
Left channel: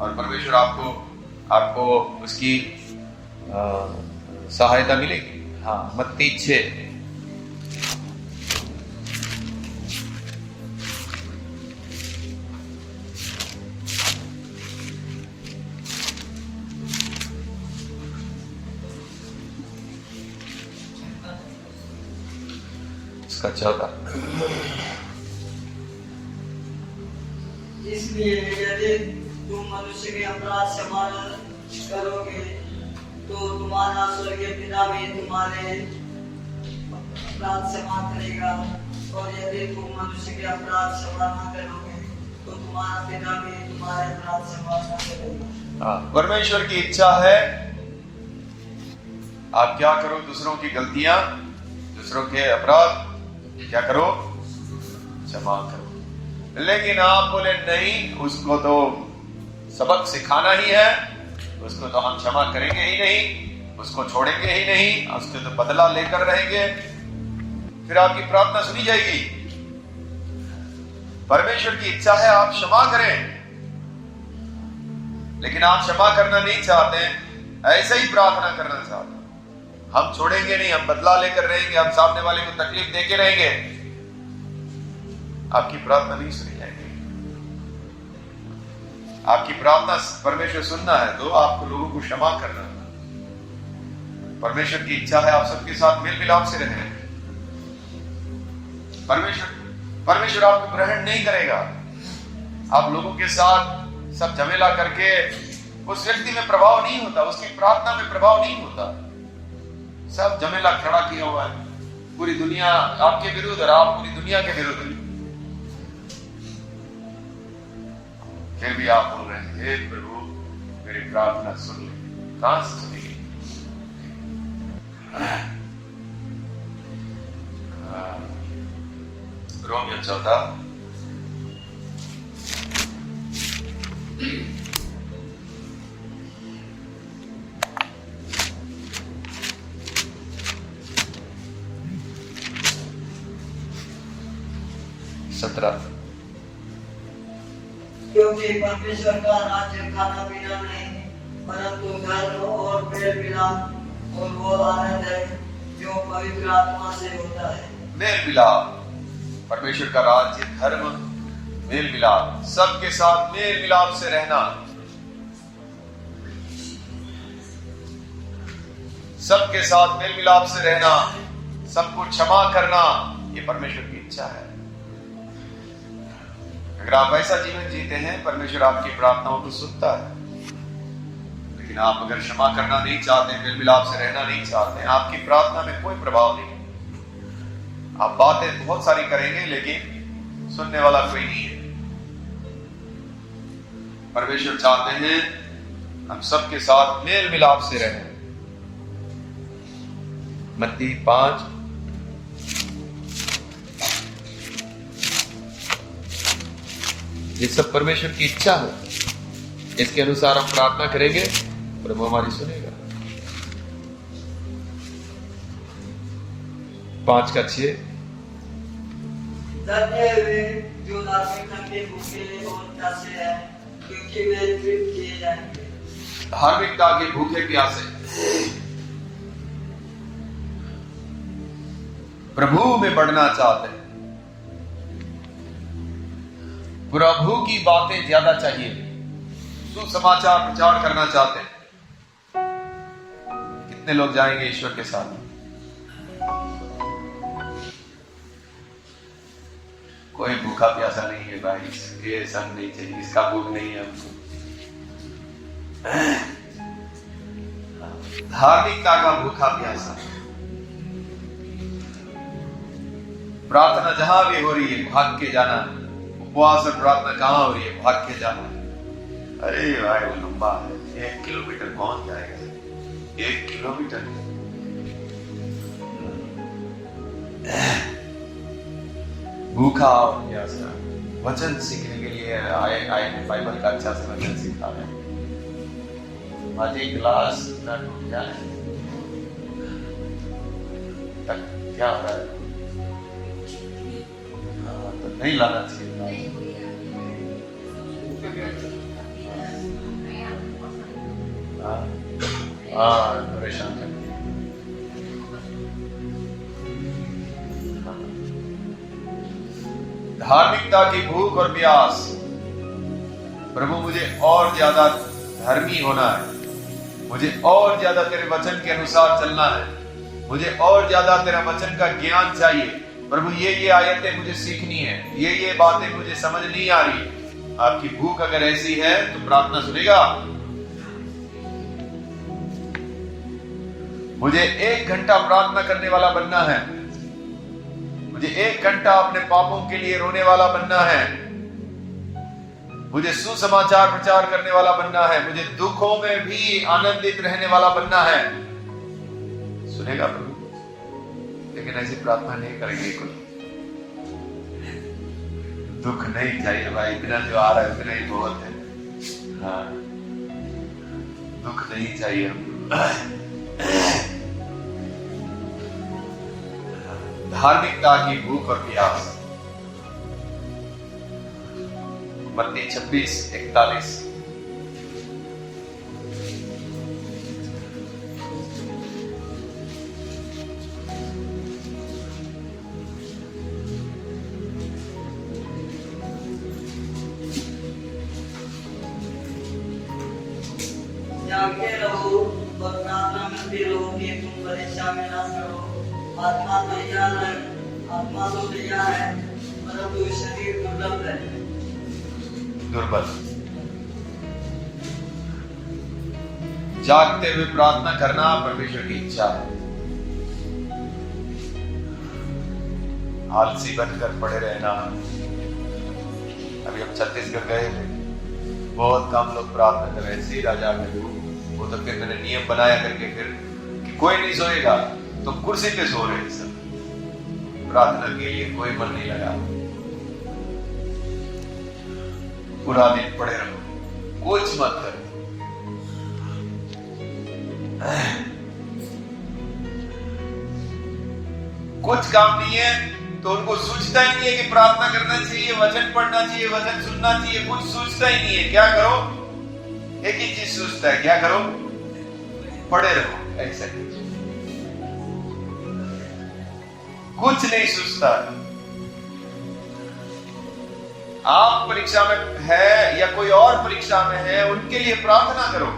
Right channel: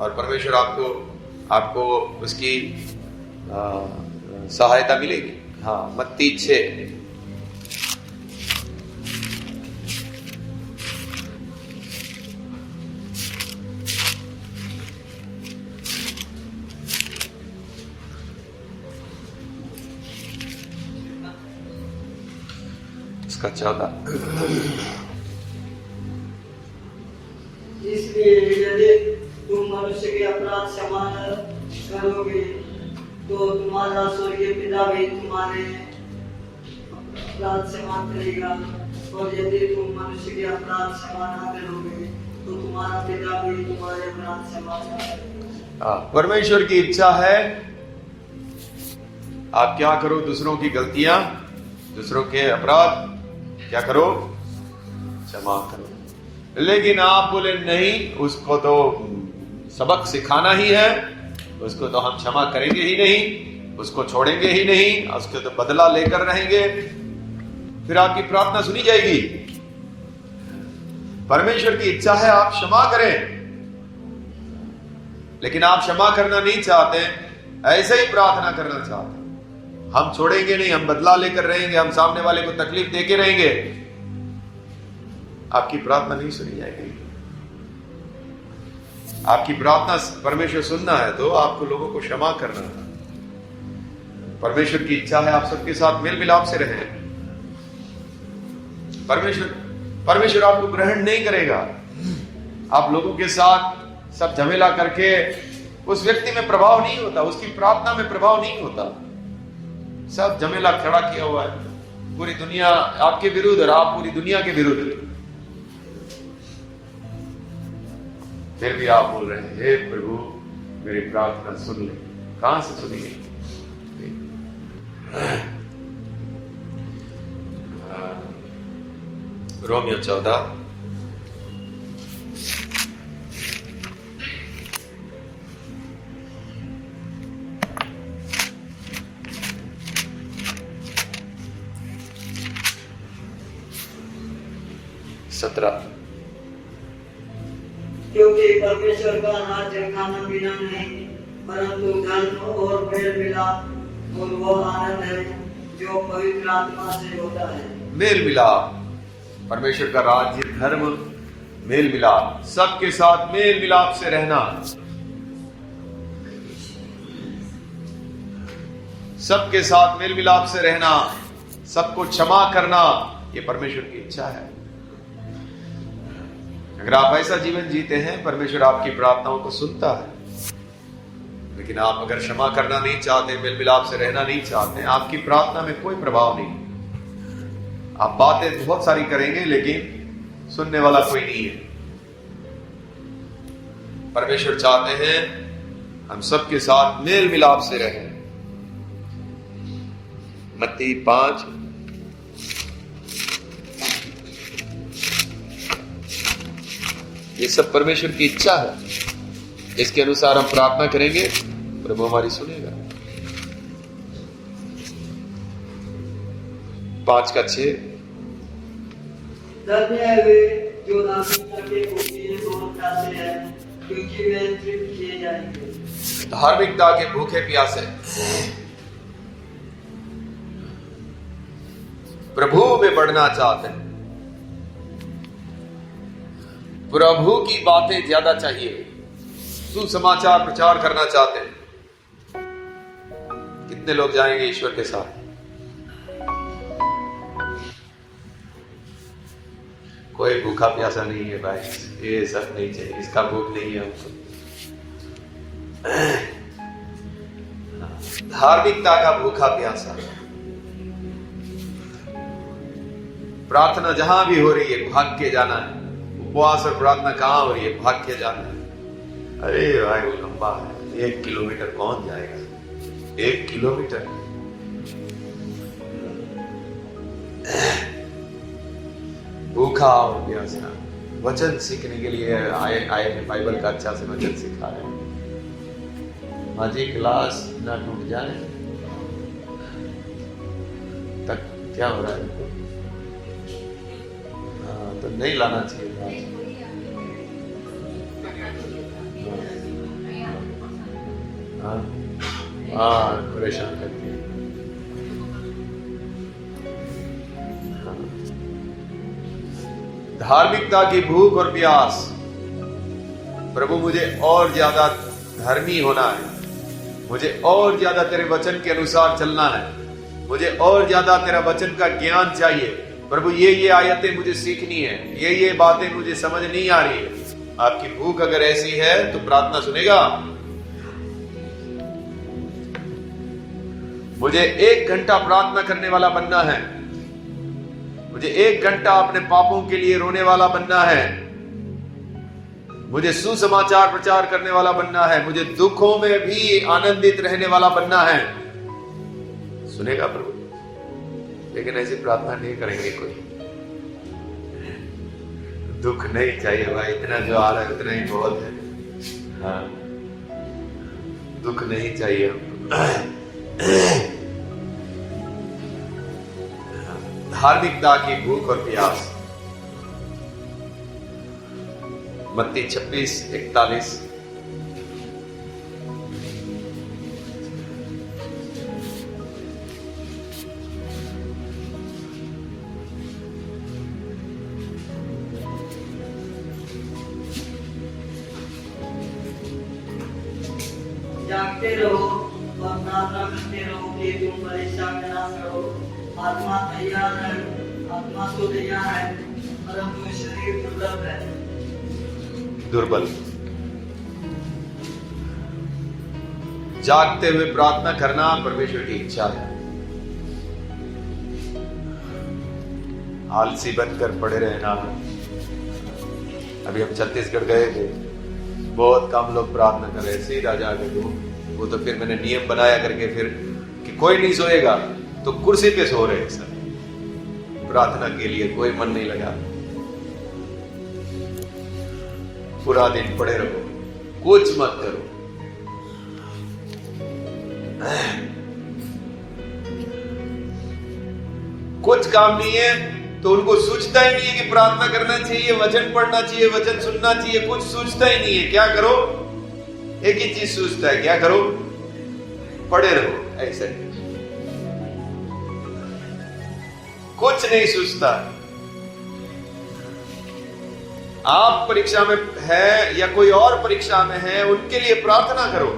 और परमेश्वर आपको उसकी सहायता मिलेगी। हाँ, मत्ती 6 इसका 14। इसलिए यदि तुम मनुष्य के अपराध क्षमा करोगे तुम्हारा स्वर्गीय पिता भी तुम्हारे अपराध क्षमा करेगा, और यदि तुम मनुष्य के अपराध क्षमा न करोगे तो तुम्हारा पिता भी तुम्हारे अपराध क्षमा न करेगा। परमेश्वर की इच्छा है आप क्या करो, दूसरों की गलतियां, दूसरों के अपराध क्या करो, क्षमा करो। लेकिन आप बोले नहीं, उसको तो सबक सिखाना ही है, उसको तो हम क्षमा करेंगे ही नहीं, उसको छोड़ेंगे ही नहीं, उसके तो बदला लेकर रहेंगे, फिर आपकी प्रार्थना सुनी जाएगी। परमेश्वर की इच्छा है आप क्षमा करें, लेकिन आप क्षमा करना नहीं चाहते, ऐसे ही प्रार्थना करना चाहते, हम छोड़ेंगे नहीं, हम बदला लेकर रहेंगे, हम सामने वाले को तकलीफ देके रहेंगे, आपकी प्रार्थना नहीं सुनी जाएगी। आपकी प्रार्थना परमेश्वर सुनना है तो आपको लोगों को क्षमा करना है। परमेश्वर की इच्छा है आप सबके साथ मेल मिलाप से रहें। परमेश्वर आपको ग्रहण नहीं करेगा। आप लोगों के साथ सब झमेला करके उस व्यक्ति में प्रभाव नहीं होता, उसकी प्रार्थना में प्रभाव नहीं होता। सब झमेला खड़ा किया हुआ है, पूरी दुनिया आपके विरुद्ध और आप पूरी दुनिया के विरुद्ध, फिर भी आप बोल रहे हैं हे प्रभु मेरी प्रार्थना सुन ले। कहां से सुनेंगे? रोमियो 14 17। क्योंकि परमेश्वर का राज्य खाना पीना नहीं परंतु धर्म और मेल मिलाप और वो आनंद है जो पवित्र आत्मा से होता है। मेल मिलाप, परमेश्वर का राज्य, धर्म, मेल मिलाप, सबके साथ मेल मिलाप से रहना, सबके साथ मेल मिलाप से रहना, सबको क्षमा करना, ये परमेश्वर की इच्छा है। अगर आप ऐसा जीवन जीते हैं, परमेश्वर आपकी प्रार्थनाओं को सुनता है। लेकिन आप अगर क्षमा करना नहीं चाहते, मेल मिलाप से रहना नहीं चाहते, आपकी प्रार्थना में कोई प्रभाव नहीं। आप बातें बहुत सारी करेंगे लेकिन सुनने वाला कोई नहीं है। परमेश्वर चाहते हैं हम सबके साथ मेल मिलाप से रहें। मत्ती 5 ये सब परमेश्वर की इच्छा है, इसके अनुसार हम प्रार्थना करेंगे, प्रभु हमारी सुनेगा। 5:6 धन्य है वे जो धार्मिकता के भूखे और प्यासे हैं, क्योंकि वे तृप्त किए जाएंगे। धार्मिकता के भूखे प्यासे, प्रभु में बढ़ना चाहते हैं, प्रभु की बातें ज्यादा चाहिए, सुसमाचार प्रचार करना चाहते हैं। कितने लोग जाएंगे ईश्वर के साथ? कोई भूखा प्यासा नहीं है भाई, ये सब नहीं चाहिए, इसका भूख नहीं है हमको। धार्मिकता का भूखा प्यासा, प्रार्थना जहां भी हो रही है भाग के जाना है। उपवास और प्रार्थना कहां हो रही है? भाग के जाना है। अरे भाई वो लंबा है, 1 किलोमीटर कौन जाएगा? 1 किलोमीटर भूखा और प्यासा, वचन सीखने के लिए आए बाइबल का अच्छा से वचन सिखा रहे हैं। माझी क्लास ना टूट जाए तक क्या हो रहा है? तो नहीं लाना चाहिए परेशान करती है। धार्मिकता की भूख और प्यास, प्रभु मुझे और ज्यादा धर्मी होना है, मुझे और ज्यादा तेरे वचन के अनुसार चलना है, मुझे और ज्यादा तेरा वचन का ज्ञान चाहिए। प्रभु ये आयतें मुझे सीखनी है, ये बातें मुझे समझ नहीं आ रही है। आपकी भूख अगर ऐसी है तो प्रार्थना सुनेगा। मुझे 1 घंटा प्रार्थना करने वाला बनना है, मुझे 1 घंटा अपने पापों के लिए रोने वाला बनना है, मुझे सुसमाचार प्रचार करने वाला बनना है, मुझे दुखों में भी आनंदित रहने वाला बनना है। सुनेगा प्रभु, लेकिन ऐसी प्रार्थना नहीं करेंगे कोई। दुख नहीं चाहिए भाई, इतना जो आ रहा है उतना ही बहुत है। हाँ, दुख नहीं चाहिए। धार्मिकता की भूख और प्यास। मत्ती 26:41। जागते रहो और प्रार्थना करते रहो कि तुम परीक्षा में ना करो। आत्मा तैयार है, आत्मा तो तैयार है, परंतु शरीर दुर्बल है। दुर्बल। जागते हुए प्रार्थना करना परमेश्वर की इच्छा है। आलसी बनकर पड़े रहना। अभी हम छत्तीसगढ़ गए थे, बहुत कम लोग प्रार्थना कर रहे, सीधा जाके दो। वो तो फिर मैंने नियम बनाया करके फिर कि कोई नहीं सोएगा तो कुर्सी पे सो रहे सब, प्रार्थना के लिए कोई मन नहीं लगा। पूरा दिन पड़े रहो, कुछ मत करो। कुछ काम नहीं है तो उनको सूझता ही नहीं है कि प्रार्थना करना चाहिए, वचन पढ़ना चाहिए, वचन सुनना चाहिए, कुछ सूझता ही नहीं है। क्या करो? एक ही चीज सूझता है, क्या करो? पड़े रहो ऐसे। कुछ नहीं सूझता। आप परीक्षा में है या कोई और परीक्षा में है, उनके लिए प्रार्थना करो,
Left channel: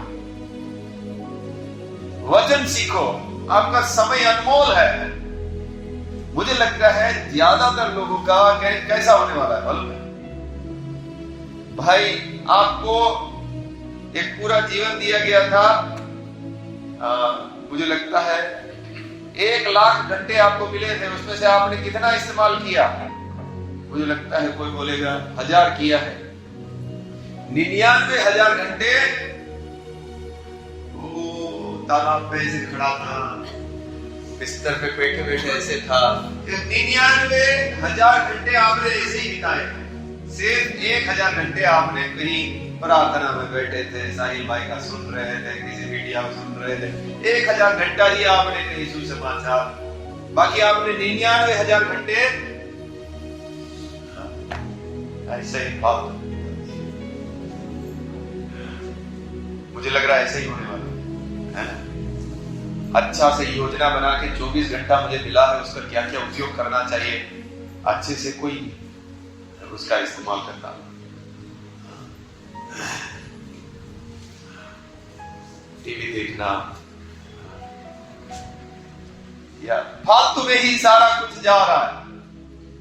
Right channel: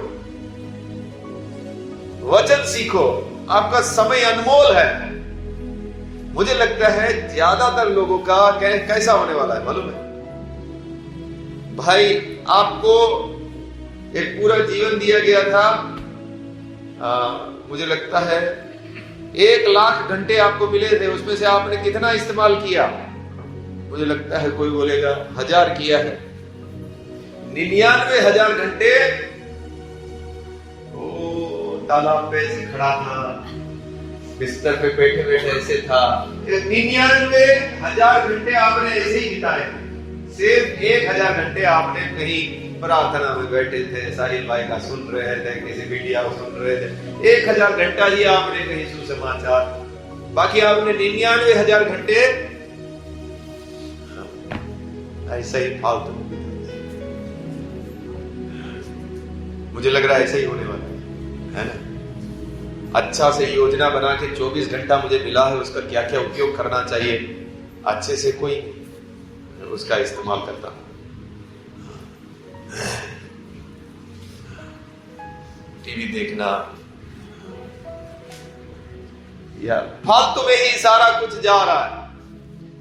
वचन सीखो। आपका समय अनमोल है। मुझे लगता है ज्यादातर लोगों का कैसा होने वाला है मालूम है भाई? आपको एक पूरा जीवन दिया गया था, मुझे लगता है 1 लाख घंटे आपको मिले थे, उसमें से आपने कितना इस्तेमाल किया? मुझे लगता है कोई बोलेगा 1000 किया है। 99,000 घंटे तालाब पे ऐसे खड़ा था, बिस्तर पे बैठे बैठे ऐसे था। 99,000 घंटे आपने ऐसे ही बिताए। सिर्फ 1000 घंटे आपने कहीं प्रार्थना में बैठे थे, साहिल भाई का सुन रहे थे, किसी मीडिया को सुन रहे थे। 1000 घंटा ही आपने कहीं सुसमाचार, बाकी आपने 99,000 घंटे ऐसे ही फालतू। मुझे लग रहा है ऐसे ही होने वाला है ना? अच्छा से योजना बना के 24 घंटा मुझे मिला है, उसका क्या क्या उपयोग करना चाहिए, अच्छे से कोई उसका इस्तेमाल करता। टीवी देखना या फालतू में ही सारा कुछ जा रहा है।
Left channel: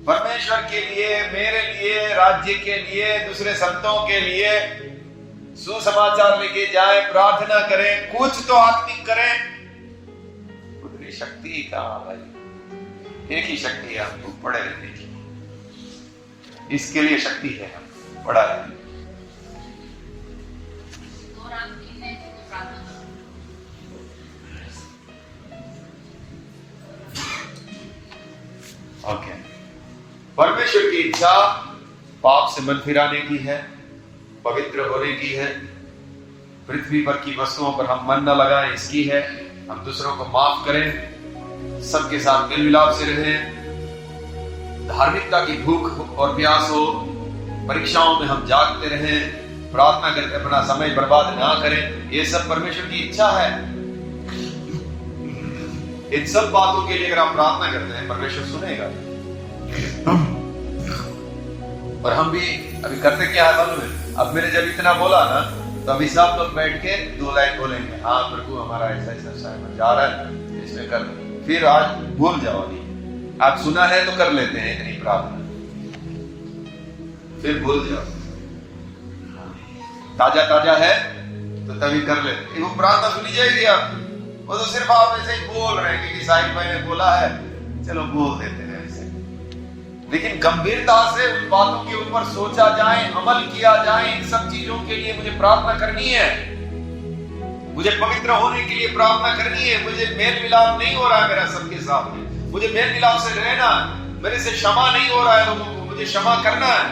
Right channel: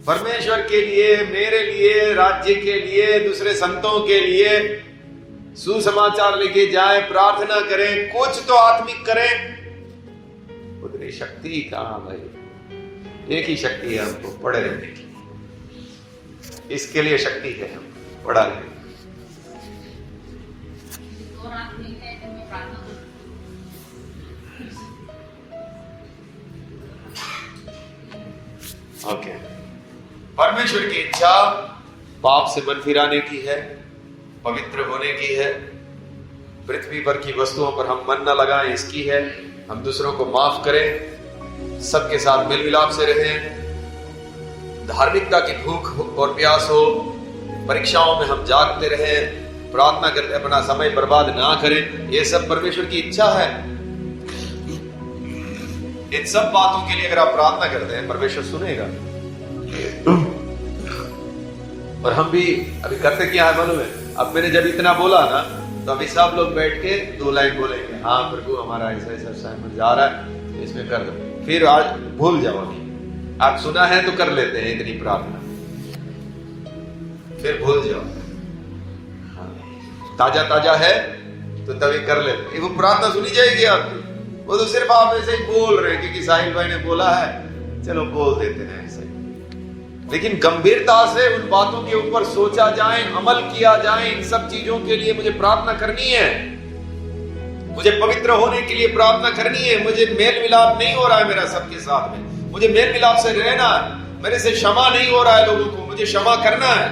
परमेश्वर के लिए, मेरे लिए, राज्य के लिए, दूसरे संतों के लिए सुसमाचार लेके जाए, प्रार्थना करें, कुछ तो आत्मिक करें। उतनी शक्ति कहां भाई? एक ही शक्ति है हमको, पड़े रहने की। इसके लिए शक्ति है हमको, पड़ा रहने। ओके, परमेश्वर की इच्छा पाप से मन फिराने की है, पवित्र होने की है, पृथ्वी पर की वस्तुओं पर हम मन न लगाएं इसकी है, हम दूसरों को माफ करें, सबके साथ मेल मिलाप से रहें, धार्मिकता की भूख और प्यास हो, परीक्षाओं में हम जागते रहें, प्रार्थना करके अपना समय बर्बाद ना करें। ये सब परमेश्वर की इच्छा है। इन सब बातों के लिए अगर आप प्रार्थना करते हैं, परमेश्वर सुनेगा। और हम भी अभी करते क्या है मालूम है? अब मैंने जब इतना बोला ना, तो अभी सब लोग बैठ के 2 लाइन बोलेंगे, हाँ प्रभु हमारा ऐसा ऐसा असाइनमेंट जा रहा है, इसमें कर दो। फिर आज भूल जाओ, अभी आप सुना है तो कर लेते हैं इतनी प्रार्थना, फिर भूल जाओ। ताजा ताजा है तो तभी कर लेते, वो प्रार्थना सुनी जाएगी आपकी। वो तो सिर्फ आप ऐसे ही बोल रहे हैं क्योंकि साहिल भाई ने बोला है, चलो बोल देते हैं ऐसे। लेकिन गंभीरता से उन बातों के ऊपर सोचा जाए, अमल किया जाए। इन सब चीजों के लिए मुझे प्रार्थना करनी है, मुझे पवित्र होने के लिए प्रार्थना करनी है। मुझे मेल मिलाप नहीं हो रहा है मेरा सबके साथ में, मुझे मेल मिलाप से रहना है। मेरे से क्षमा नहीं हो रहा है लोगों को, मुझे क्षमा करना है।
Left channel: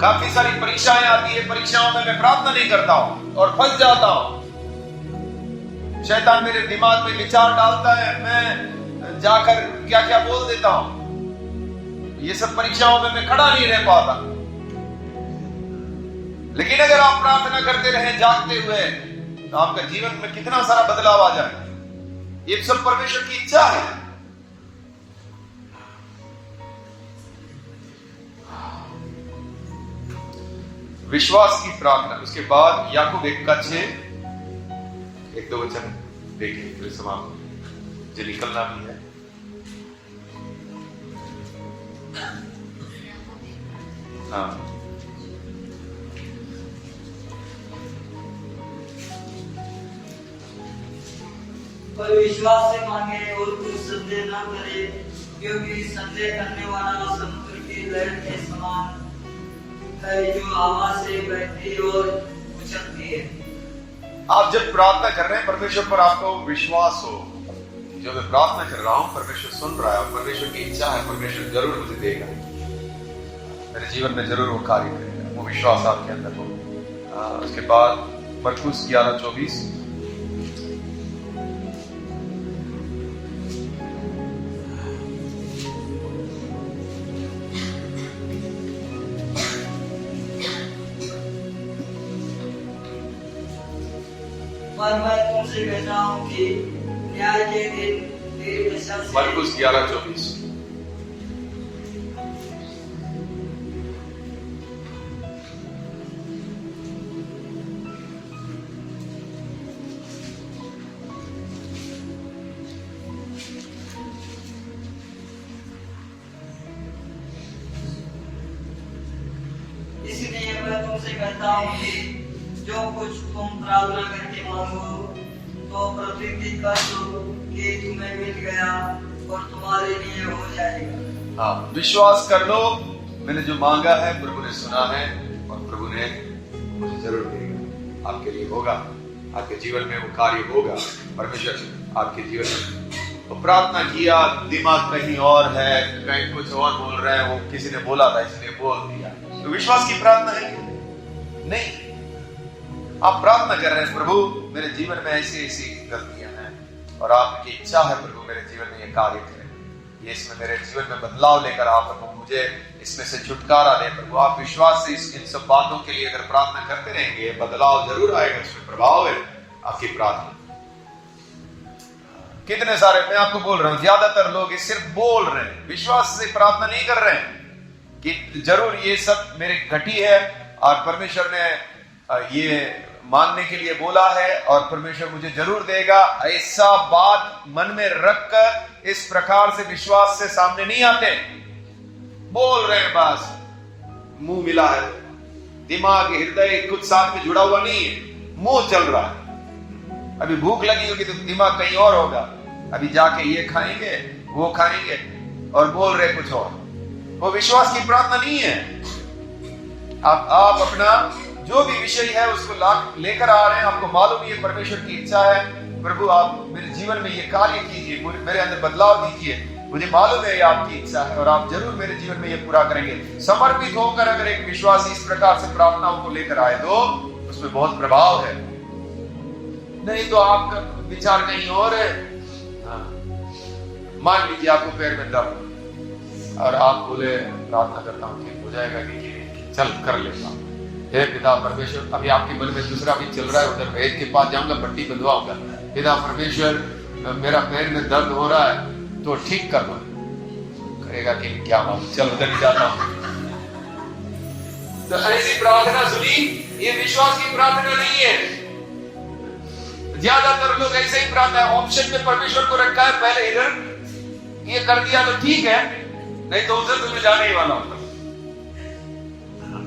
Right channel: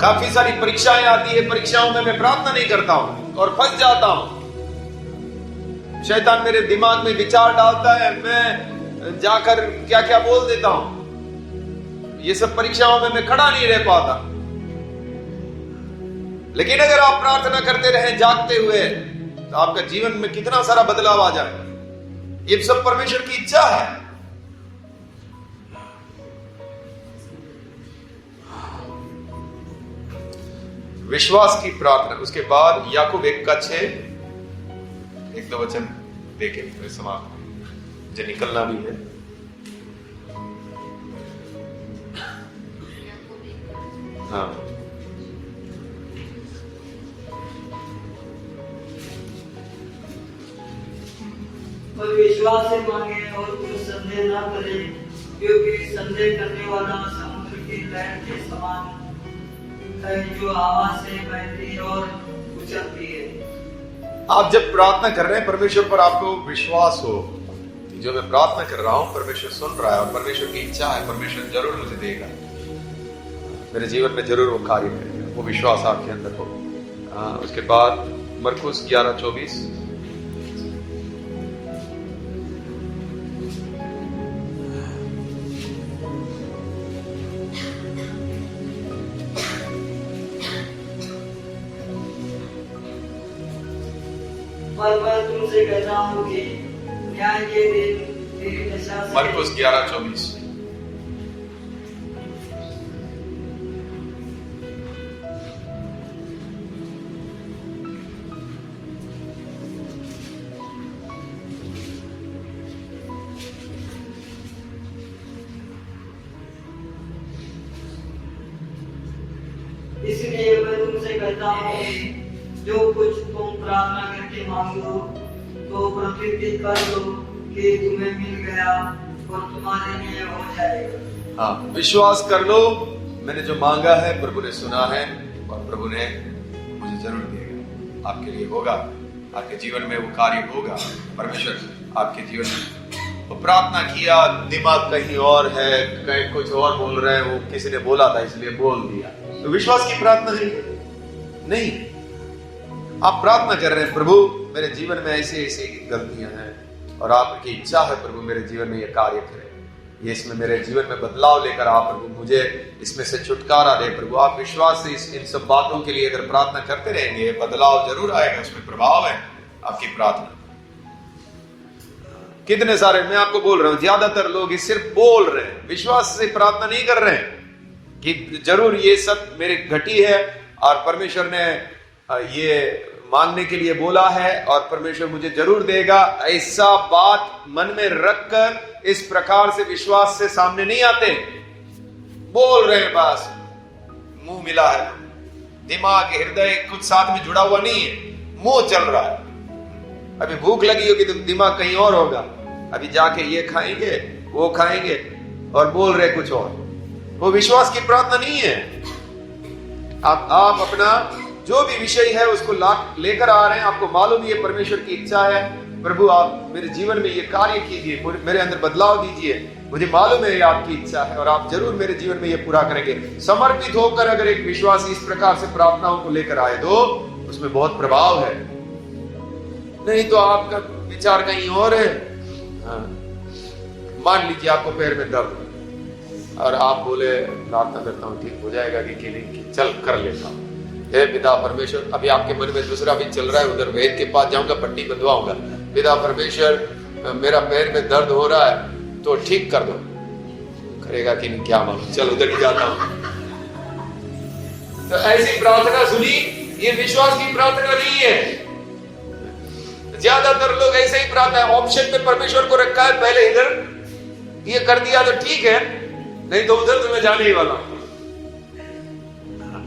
काफी सारी परीक्षाएं आती है, परीक्षाओं में मैं प्रार्थना नहीं करता हूं और फंस जाता हूं। शैतान मेरे दिमाग में विचार डालता है, मैं जाकर क्या क्या बोल देता हूं। ये सब परीक्षाओं में मैं खड़ा नहीं रह पाता। लेकिन अगर आप प्रार्थना करते रहे जागते हुए, तो आपका जीवन में कितना सारा बदलाव आ जाए। ये सब परमेश्वर की इच्छा है। विश्वास की प्रार्थना। उसके बाद याकूब 1:6, 1-2 वचन देखें फिर समाप्त, जो निकलना भी है। हाँ, पर विश्वास से मांगे और कुछ संदेह न करे, क्योंकि संदेह करने वाला समुद्र की लहर के समान है, जो हवा से बहती और उछलती है। आप जब प्रार्थना कर रहे हैं, परमेश्वर पर आपको विश्वास हो कि जो मैं प्रार्थना कर रहा हूं परमेश्वर सुन रहा है, परमेश्वर की इच्छा है, परमेश्वर जरूर मुझे देगा, मेरे जीवन में जरूर वो कार्य करेगा। वो विश्वास आपके अंदर हो। उसके बाद मरकुस 11:24, पर मैं तुमसे कहता हूँ कि न्याय के दिन मेरी दशा से मरकुस 11:24। इसलिए मैं तुमसे कहता हूँ कि जो कुछ तुम प्रार्थना करके मांगो, तो प्रकृति कर लो कि तुम्हें मिल गया और तुम्हारे लिए हो जाएगा। हाँ, विश्वास कर लो, मैंने जो मांगा है प्रभु ने सुना है और प्रभु ने मुझे जरूर देगा। आपके लिए होगा, आपके जीवन में वो कार्य होगा। परमेश्वर आपके जीवन में तो प्रार्थना किया, दिमाग कहीं और है, कहीं कुछ और बोल रहे हैं, वो किसी ने बोला था इसलिए बोल दिया, तो विश्वास की प्रार्थना है नहीं। आप प्रार्थना कर रहे हैं, प्रभु मेरे जीवन में ऐसी ऐसी गलतियां हैं और आपकी इच्छा है प्रभु मेरे जीवन में ये कार्य करें, ये इसमें मेरे जीवन में बदलाव लेकर आप प्रभु मुझे इसमें से छुटकारा दे। प्रभु आप विश्वास से इन सब बातों के लिए अगर प्रार्थना करते रहेंगे, बदलाव जरूर आएगा, उसमें प्रभाव है आपकी प्रार्थना। कितने सारे, मैं आपको बोल रहा हूं, ज्यादातर लोग ये सिर्फ बोल रहे हैं, विश्वास से प्रार्थना नहीं कर रहे हैं कि जरूर ये सब मेरे घटी है और परमेश्वर ने ये मांगने के लिए बोला है और परमेश्वर मुझे जरूर देगा। ऐसा बात मन में रखकर इस प्रकार से विश्वास से सामने नहीं आते। बोल रहे हैं बस, मुंह मिला है, दिमाग हृदय कुछ साथ में जुड़ा हुआ नहीं है, मुंह चल रहा है। अभी भूख लगी होगी तो दिमाग कहीं और होगा, अभी जाके ये खाएंगे वो खाएंगे और बोल रहे कुछ और। वो विश्वास की प्रार्थना नहीं है। आप अपना जो भी विषय है उसको लेकर आ रहे हैं, आपको मालूम ये परमेश्वर की इच्छा है, प्रभु आप मेरे जीवन में ये कार्य कीजिए, मेरे अंदर बदलाव दीजिए, मुझे मालूम है ये आपकी इच्छा है और आप जरूर मेरे जीवन में ये पूरा करेंगे। समर्पित होकर अगर एक विश्वासी इस प्रकार से प्रार्थनाओं को लेकर आए तो उसमें बहुत प्रभाव है। नहीं तो आपका विचार कहीं और है। मान लीजिए आपको पैर में दर्द और आप बोले प्रार्थना करता हूँ ठीक हो जाएगा कि चल कर लेता हूँ। हे पिता परमेश्वर, अभी आपके मन में दूसरा भी चल रहा है, उधर वैद्य के पास जाऊंगा, पट्टी बंधवाऊंगा। पिता परमेश्वर मेरा पैर में दर्द हो रहा है तो ठीक कर दो। करेगा कि नहीं क्या मालूम, चल उधर ही जाता हूं। तो ऐसी प्रार्थना सुनी, ये विश्वास की प्रार्थना नहीं है। ज्यादातर लोग ऐसे ही प्रार्थना, ऑप्शन में परमेश्वर को रखा है, पहले इधर ये कर दिया तो ठीक है, नहीं तो उधर तुम्हें जाने ही वाला हूं।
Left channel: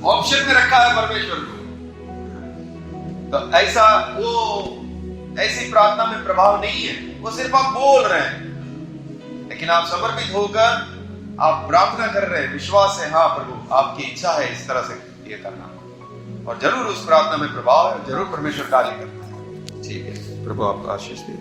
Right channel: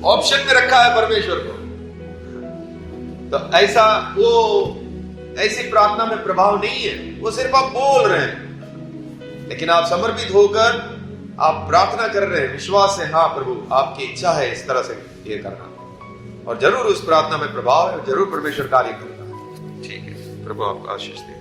ऑप्शन में रखा है परमेश्वर को। तो ऐसा वो ऐसी प्रार्थना में प्रभाव नहीं है, वो सिर्फ आप बोल रहे हैं, लेकिन आप समर्पित होकर आप प्रार्थना कर रहे हैं, विश्वास है, हाँ प्रभु आपकी इच्छा है इस तरह से ये करना, और जरूर उस प्रार्थना में प्रभाव है, जरूर परमेश्वर कार्य करता है। ठीक है, प्रभु आपको आशीष दे।